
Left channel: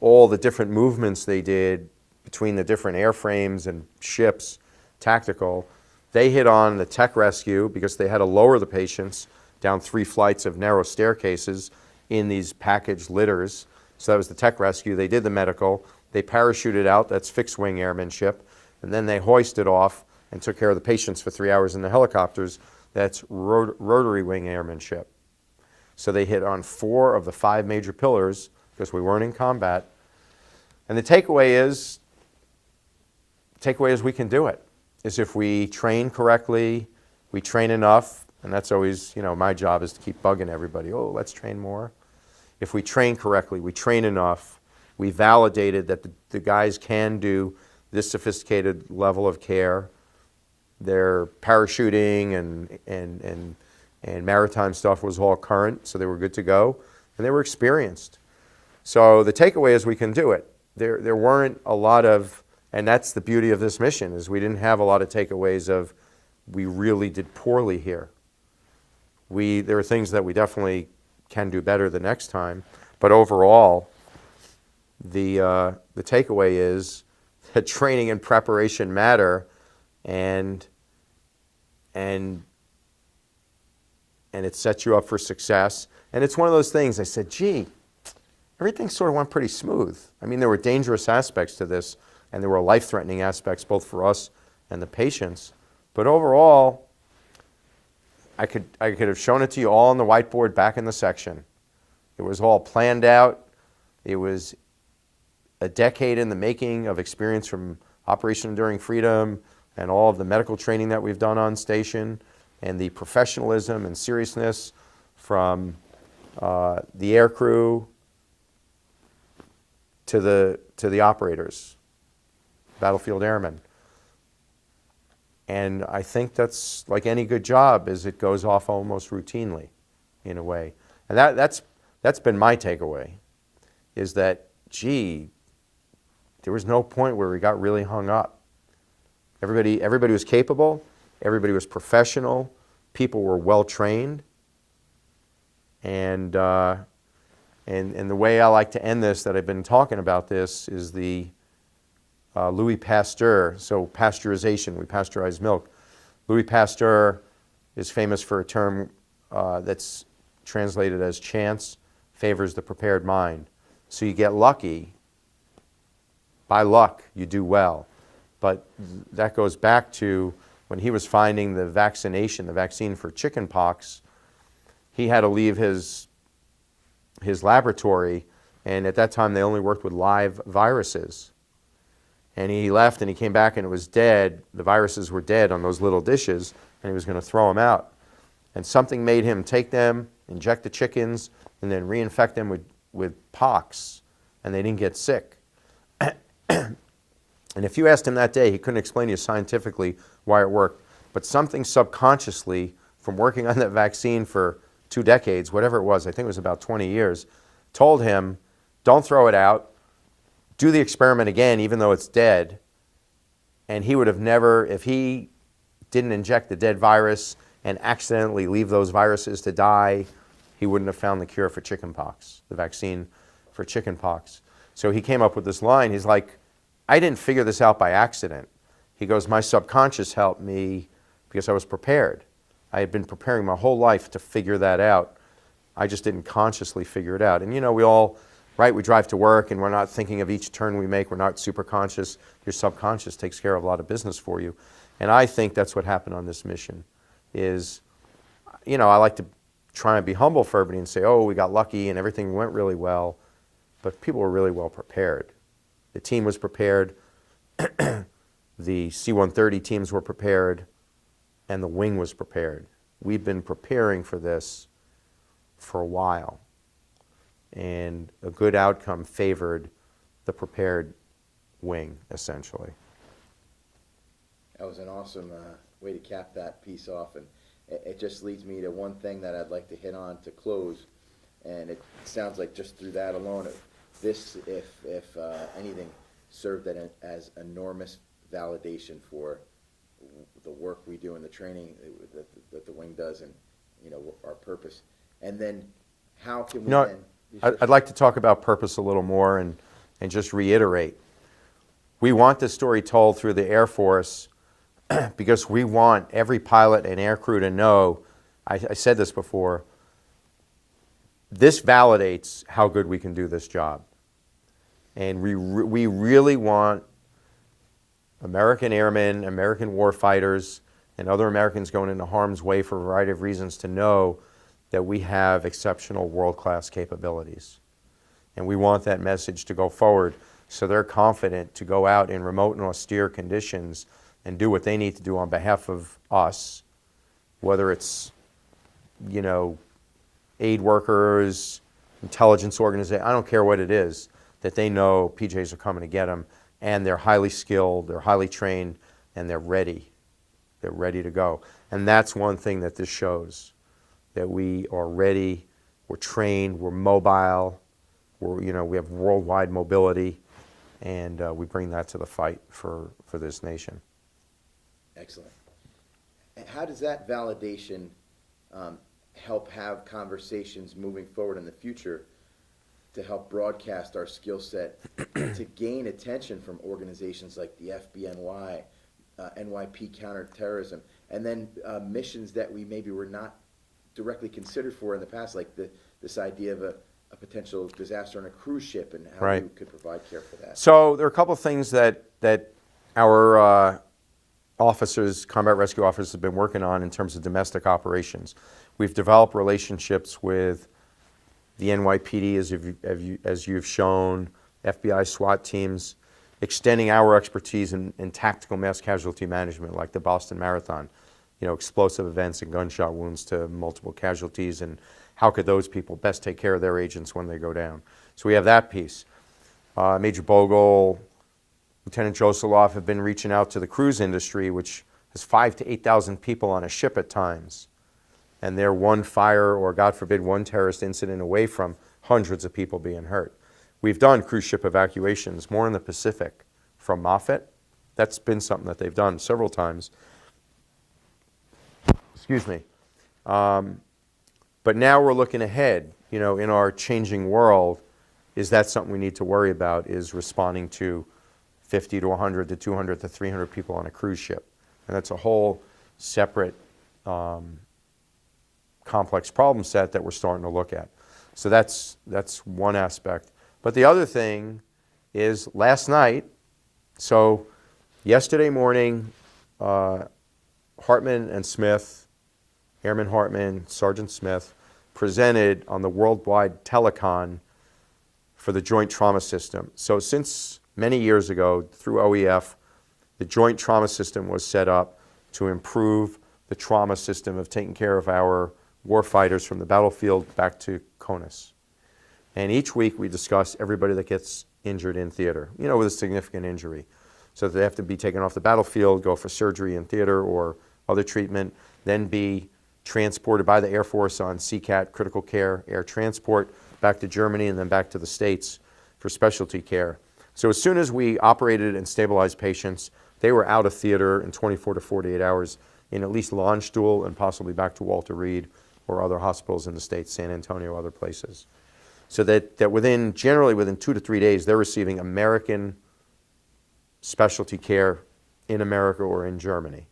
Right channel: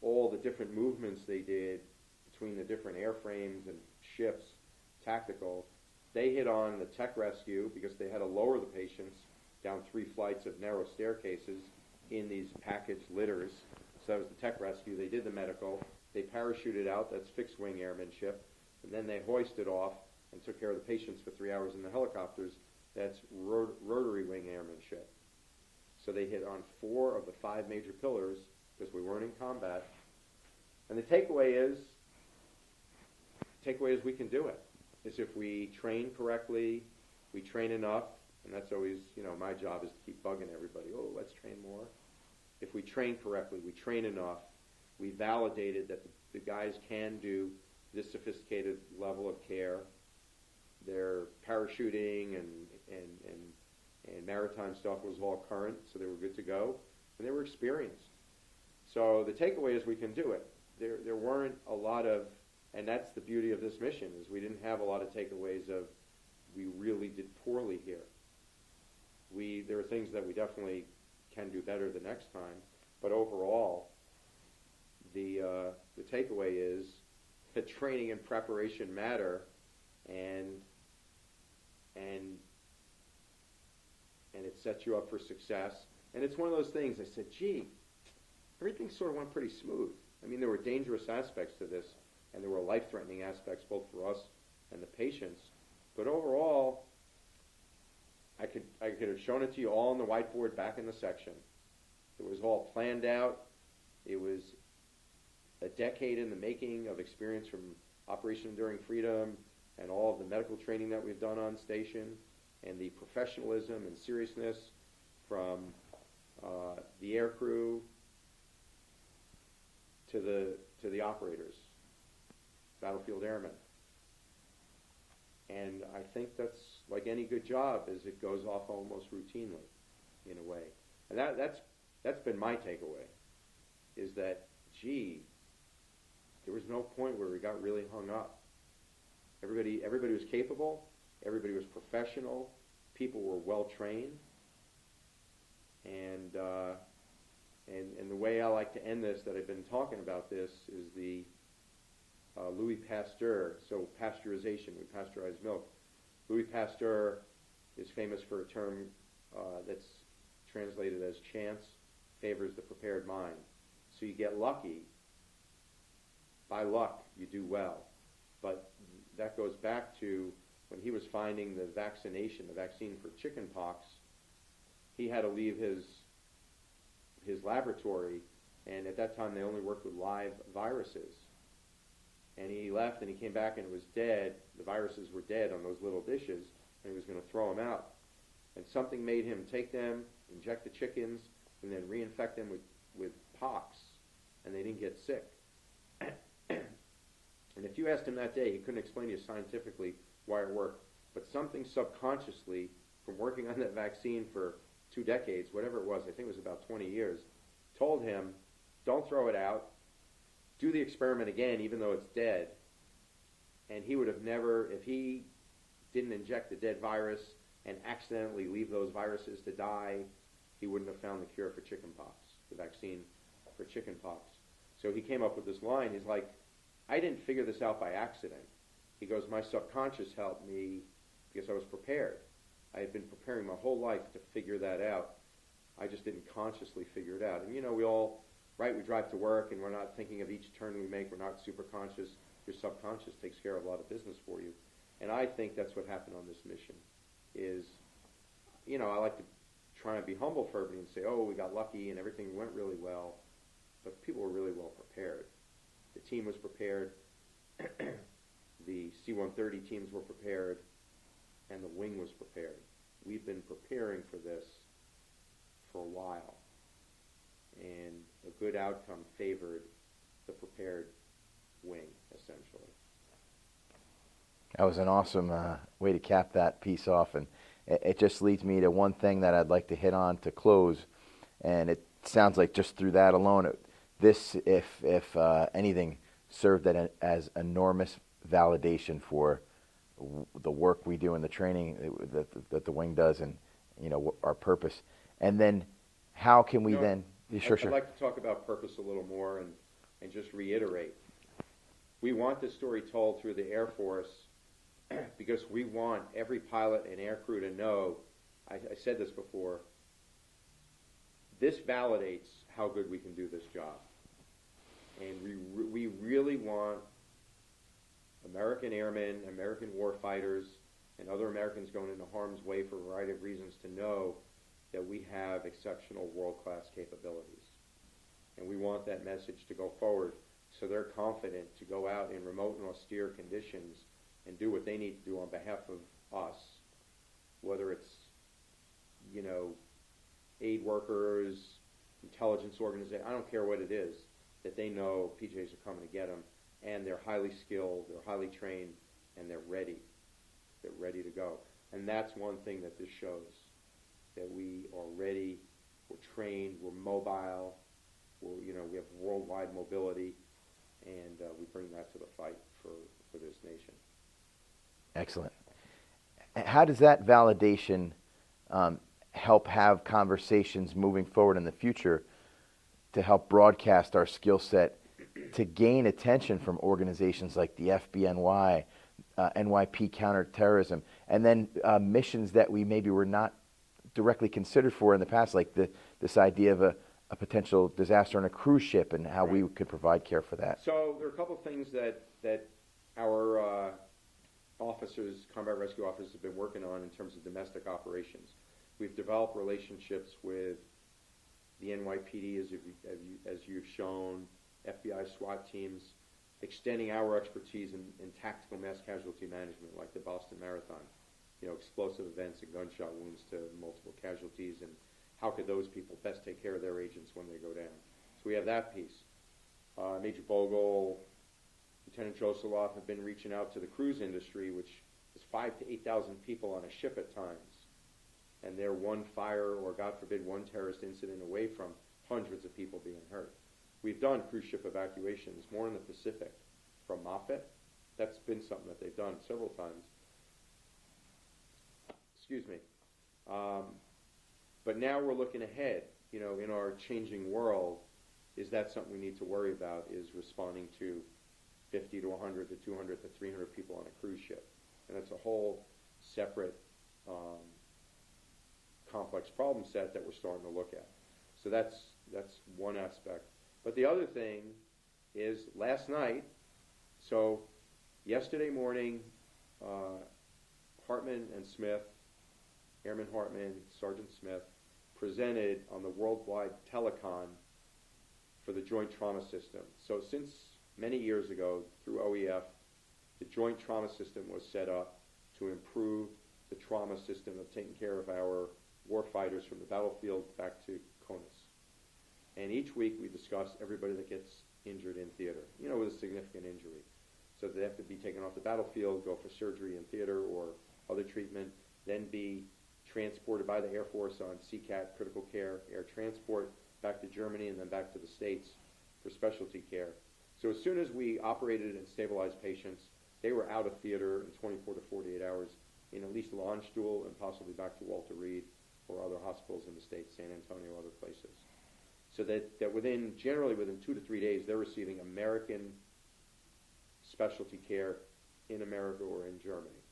all the different movements they did between the different airframes and ships, tactical, they hit on the tech rescue because they had to lower the patients down 3 flights of narrow staircases in these packaged litters. So that was the tech rescue. They did the medical. They parachuted out. That's fixed wing airmanship. And then they hoisted off and took care of the patients for 3 hours in the helicopters. That's rotary wing airmanship. So they hit on 4 of the 5 major pillars because we weren't in combat. And the takeaway is we can do it. Is if we train correctly, we train enough, and that's always, you know, my job is to keep bugging everybody. Oh, let's train more. If we train correctly, we train enough, we validated that the guys can do this sophisticated level of care. Their parachuting and maritime stuff was all current, so they were good to go, and they were experienced. So the takeaway is we can do it. There weren't a lot of, and that's the beauty of this mission, is we didn't have a lot of takeaways of we really did poorly here. There are things that we definitely can do better the next time, but overall, the takeaway is that training and preparation matter, and it sets you up for success. And it's one of those things, I said, gee, everything sort of went pretty smooth. I mean, there were dangerous aspects to this, and there were life-threatening aspects both for us and the patients. But overall, I could have shown it to you all on the whiteboard back in the section. It was all planned out. It was a decade in the making of experience from Operation Enduring Freedom and all of the medical training that we've done on station, and the professionalism and seriousness from the air crew to the operators, battlefield airmen. And I think that's like any good job, is it goes off almost routinely in a way. And that's been my takeaway, is that, gee, there was no point where we got really hung up. Everybody was capable, everybody was professional, people were well trained, and the way I like to end this, that I've been talking about this, is the Louis Pasteur. So pasteurization, we pasteurize milk. Louis Pasteur is famous for a term that's translated as chance favors the prepared mind. So you get lucky. By luck, you do well. But that goes back to when he was finding the vaccine for chickenpox. He had to leave his laboratory, and at that time they only worked with live viruses. And he left and he came back and it was dead. The viruses were dead on those little dishes, and he was going to throw them out. And something made him take them, inject the chickens, and then reinfect them with pox, and they didn't get sick. And if you asked him that day, he couldn't explain to you scientifically why it worked. But something subconsciously, from working on that vaccine for 2 decades, whatever it was, I think it was about 20 years, told him, don't throw it out, do the experiment again even though it's dead. And he would have never, if he didn't inject the dead virus and accidentally leave those viruses to die, he wouldn't have found the cure for chickenpox, the vaccine for chickenpox. So he came up with this line. He's like, I didn't figure this out by accident. He goes, my subconscious helped me because I was prepared. I had been preparing my whole life to figure that out. I just didn't consciously figure it out. And you know, we all, right, we drive to work and we're not thinking of each turn we make. We're not super conscious. Your subconscious takes care of a lot of business for you. And I think that's what happened on this mission is, you know, I like to try and be humble for everybody and say, oh, we got lucky and everything went really well. But people were really well prepared. The team was prepared. The C-130 teams were prepared. And the wing was prepared. We've been preparing for this for a while. And a good outcome favored the prepared wing, essentially. That was an awesome way to cap that piece off. And it just leads me to one thing that I'd like to hit on to close. And it sounds like just through that alone, this, if anything, served as enormous validation for the work we do and the training that the wing does, and you know, our purpose. And then how can we then? I'd like to talk about purpose a little more and just reiterate. We want this story told through the Air Force because we want every pilot and air crew to know, I said this before, this validates how good we can do this job. And we really want American airmen, American warfighters, and other Americans going into harm's way for a variety of reasons to know that we have exceptional world-class capabilities. And we want that message to go forward so they're confident to go out in remote and austere conditions and do what they need to do on behalf of us, whether it's, you know, aid workers, intelligence organizations, I don't care what it is, that they know PJs are coming to get them, and they're highly skilled, they're highly trained, and they're ready. They're ready to go. And that's one thing that this shows, that we are ready, we're trained, we're mobile, we have worldwide mobility, and we bring that to the fight for this nation. Excellent. How does that validation help have conversations moving forward in the future to help broadcast our skill set to gain attention from organizations like the FBNY, NYP counterterrorism, and then missions that we maybe were not directly considered for in the past, like this idea of a potential disaster on a cruise ship and how Right. we could provide care for that? So there are a couple of things that our officers, combat rescue officers, have been working on in terms of domestic operations. We've developed relationships with the NYPD, as you've shown, FBI SWAT teams, extending our expertise in tactical mass casualty management, like the Boston Marathon, explosive events and gunshot wounds to multiple casualties, and how could those people best take care of their agents when they go down. So we have that piece. Major Bogle, Lieutenant Josoloff have been reaching out to the cruise industry, which has 5,000 to 8,000 people on a ship at times. And they're one fire or, God forbid, one terrorist incident away from hundreds of people being hurt. We've done cruise ship evacuations, more in the Pacific, from Moffett. That's been something that they've done several times. Excuse me. But now we're looking ahead, in our changing world. Is that something we need to worry about, is responding to 50 to 100 to 200 to 300 people on a cruise ship? And that's a whole separate complex problem set that we're starting to look at. So that's one aspect. But the other thing is last night, so yesterday morning, Hartman and Smith, Airman Hartman, Sergeant Smith, presented on the worldwide telecon for the Joint Trauma System. So since many years ago, through OEF, the Joint Trauma System was set up to improve the trauma system of taking care of our warfighters from the battlefield back to CONUS. And each week we discuss everybody that gets injured in theater, with a significant injury. So they have to be taken off the battlefield, go for surgery in theater or other treatment, then be transported by the Air Force on CCAT, critical care, air transport, back to Germany and then back to the States for specialty care. So as soon as we operated and stabilized patients, they were out of theater in 24 to 48 hours in at least Landstuhl and possibly back to Walter Reed or other hospitals in the States, San Antonio, other places. So that generally within 2 to 3 days, they're receiving American specialty care in America or in Germany.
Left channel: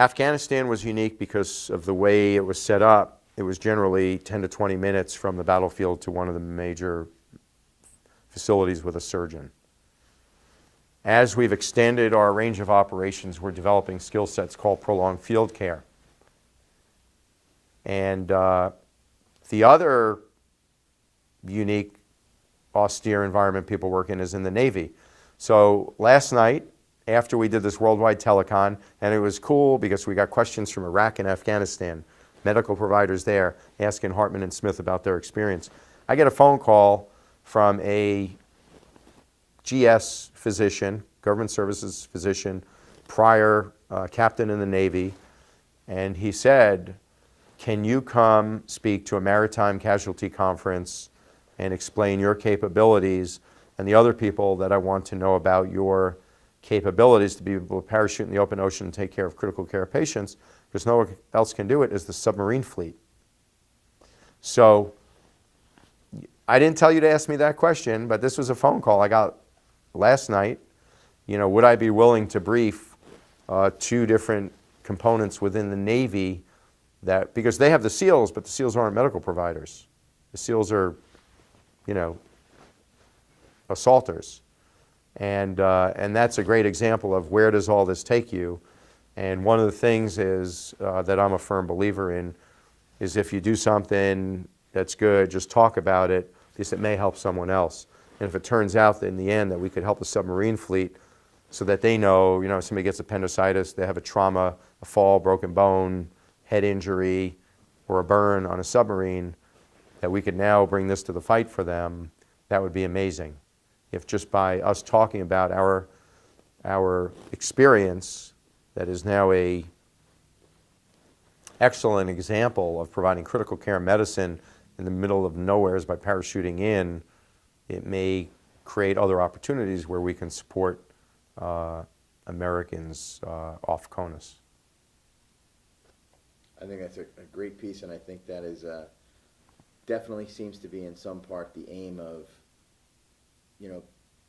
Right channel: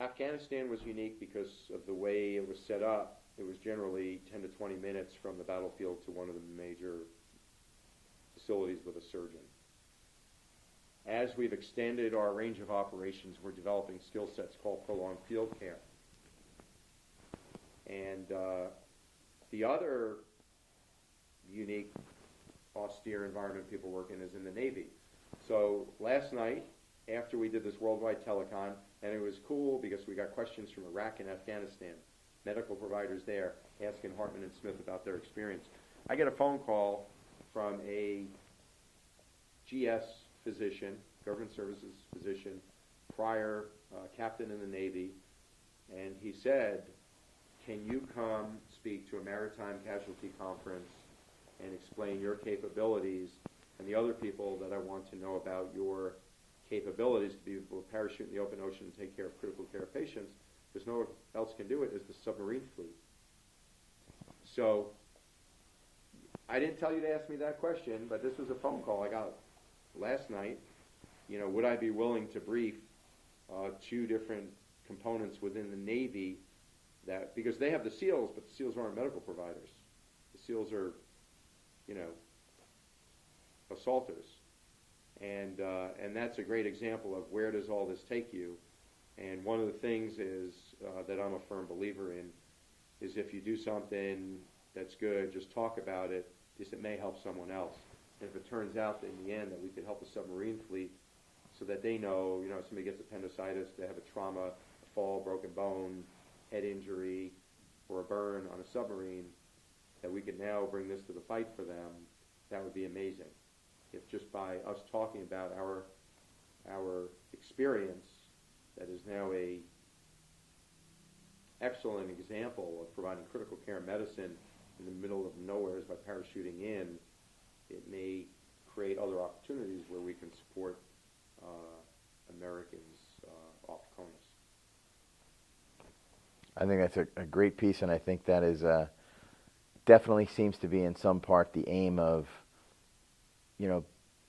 Afghanistan was unique because of the way it was set up. It was generally 10 to 20 minutes from the battlefield to one of the major facilities with a surgeon. As we've extended our range of operations, we're developing skill sets called prolonged field care. And the other unique, austere environment people work in is in the Navy. So last night, after we did this worldwide telecon, and it was cool because we got questions from Iraq and Afghanistan, medical providers there, asking Hartman and Smith about their experience. I get a phone call from a GS physician, government services physician, prior captain in the Navy, and he said, can you come speak to a maritime casualty conference and explain your capabilities and the other people that I want to know about your capabilities to be able to parachute in the open ocean and take care of critical care patients, because no one else can do it, is the submarine fleet. So I didn't tell you to ask me that question, but this was a phone call I got last night. Would I be willing to brief 2 different components within the Navy because they have the SEALs, but the SEALs aren't medical providers. The SEALs are, assaulters. And that's a great example of where does all this take you. And one of the things is that I'm a firm believer in is if you do something that's good, just talk about it because it may help someone else. And if it turns out that in the end that we could help the submarine fleet so that they know, somebody gets appendicitis, they have a trauma, a fall, broken bone, head injury, or a burn on a submarine, that we could now bring this to the fight for them, that would be amazing. If just by us talking about our experience, that is now a excellent example of providing critical care medicine in the middle of nowhere by parachuting in, it may create other opportunities where we can support Americans off CONUS. I think that's a great piece, and I think that is definitely seems to be in some part the aim of,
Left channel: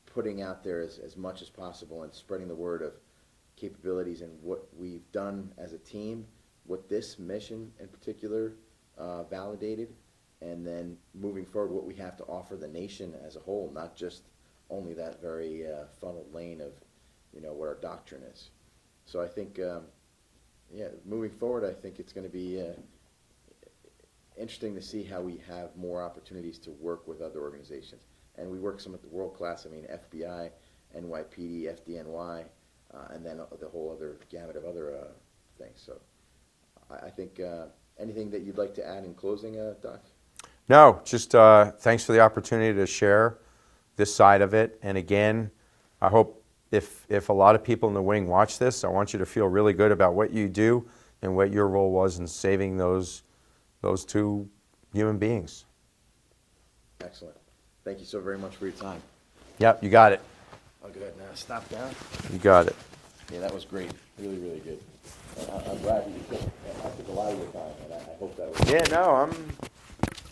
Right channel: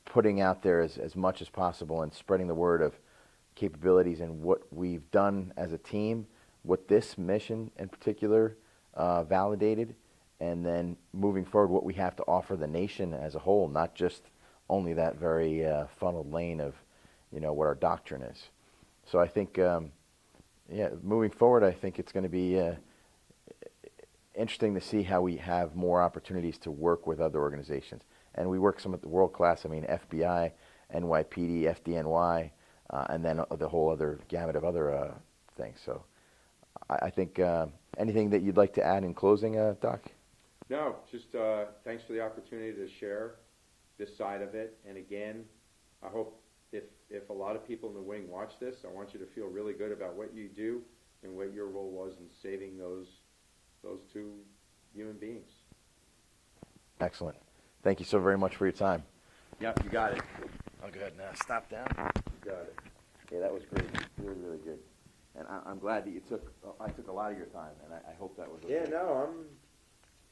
putting out there as much as possible and spreading the word of capabilities and what we've done as a team, what this mission in particular validated, and then moving forward what we have to offer the nation as a whole, not just only that very funneled lane of, what our doctrine is. So I think, moving forward, I think it's going to be interesting to see how we have more opportunities to work with other organizations. And we work some at the world class, FBI, NYPD, FDNY, and then the whole other gamut of other things. So I think anything that you'd like to add in closing, Doc? No, just thanks for the opportunity to share this side of it. And again, I hope if a lot of people in the wing watch this, I want you to feel really good about what you do and what your role was in saving those two human beings. Excellent. Thank you so very much for your time. Yep, you got it. I'll go ahead and stop down. You got it. Yeah, that was great. Really, really good. I'm glad that I took a lot of your time, and I hope that was... Yeah, no,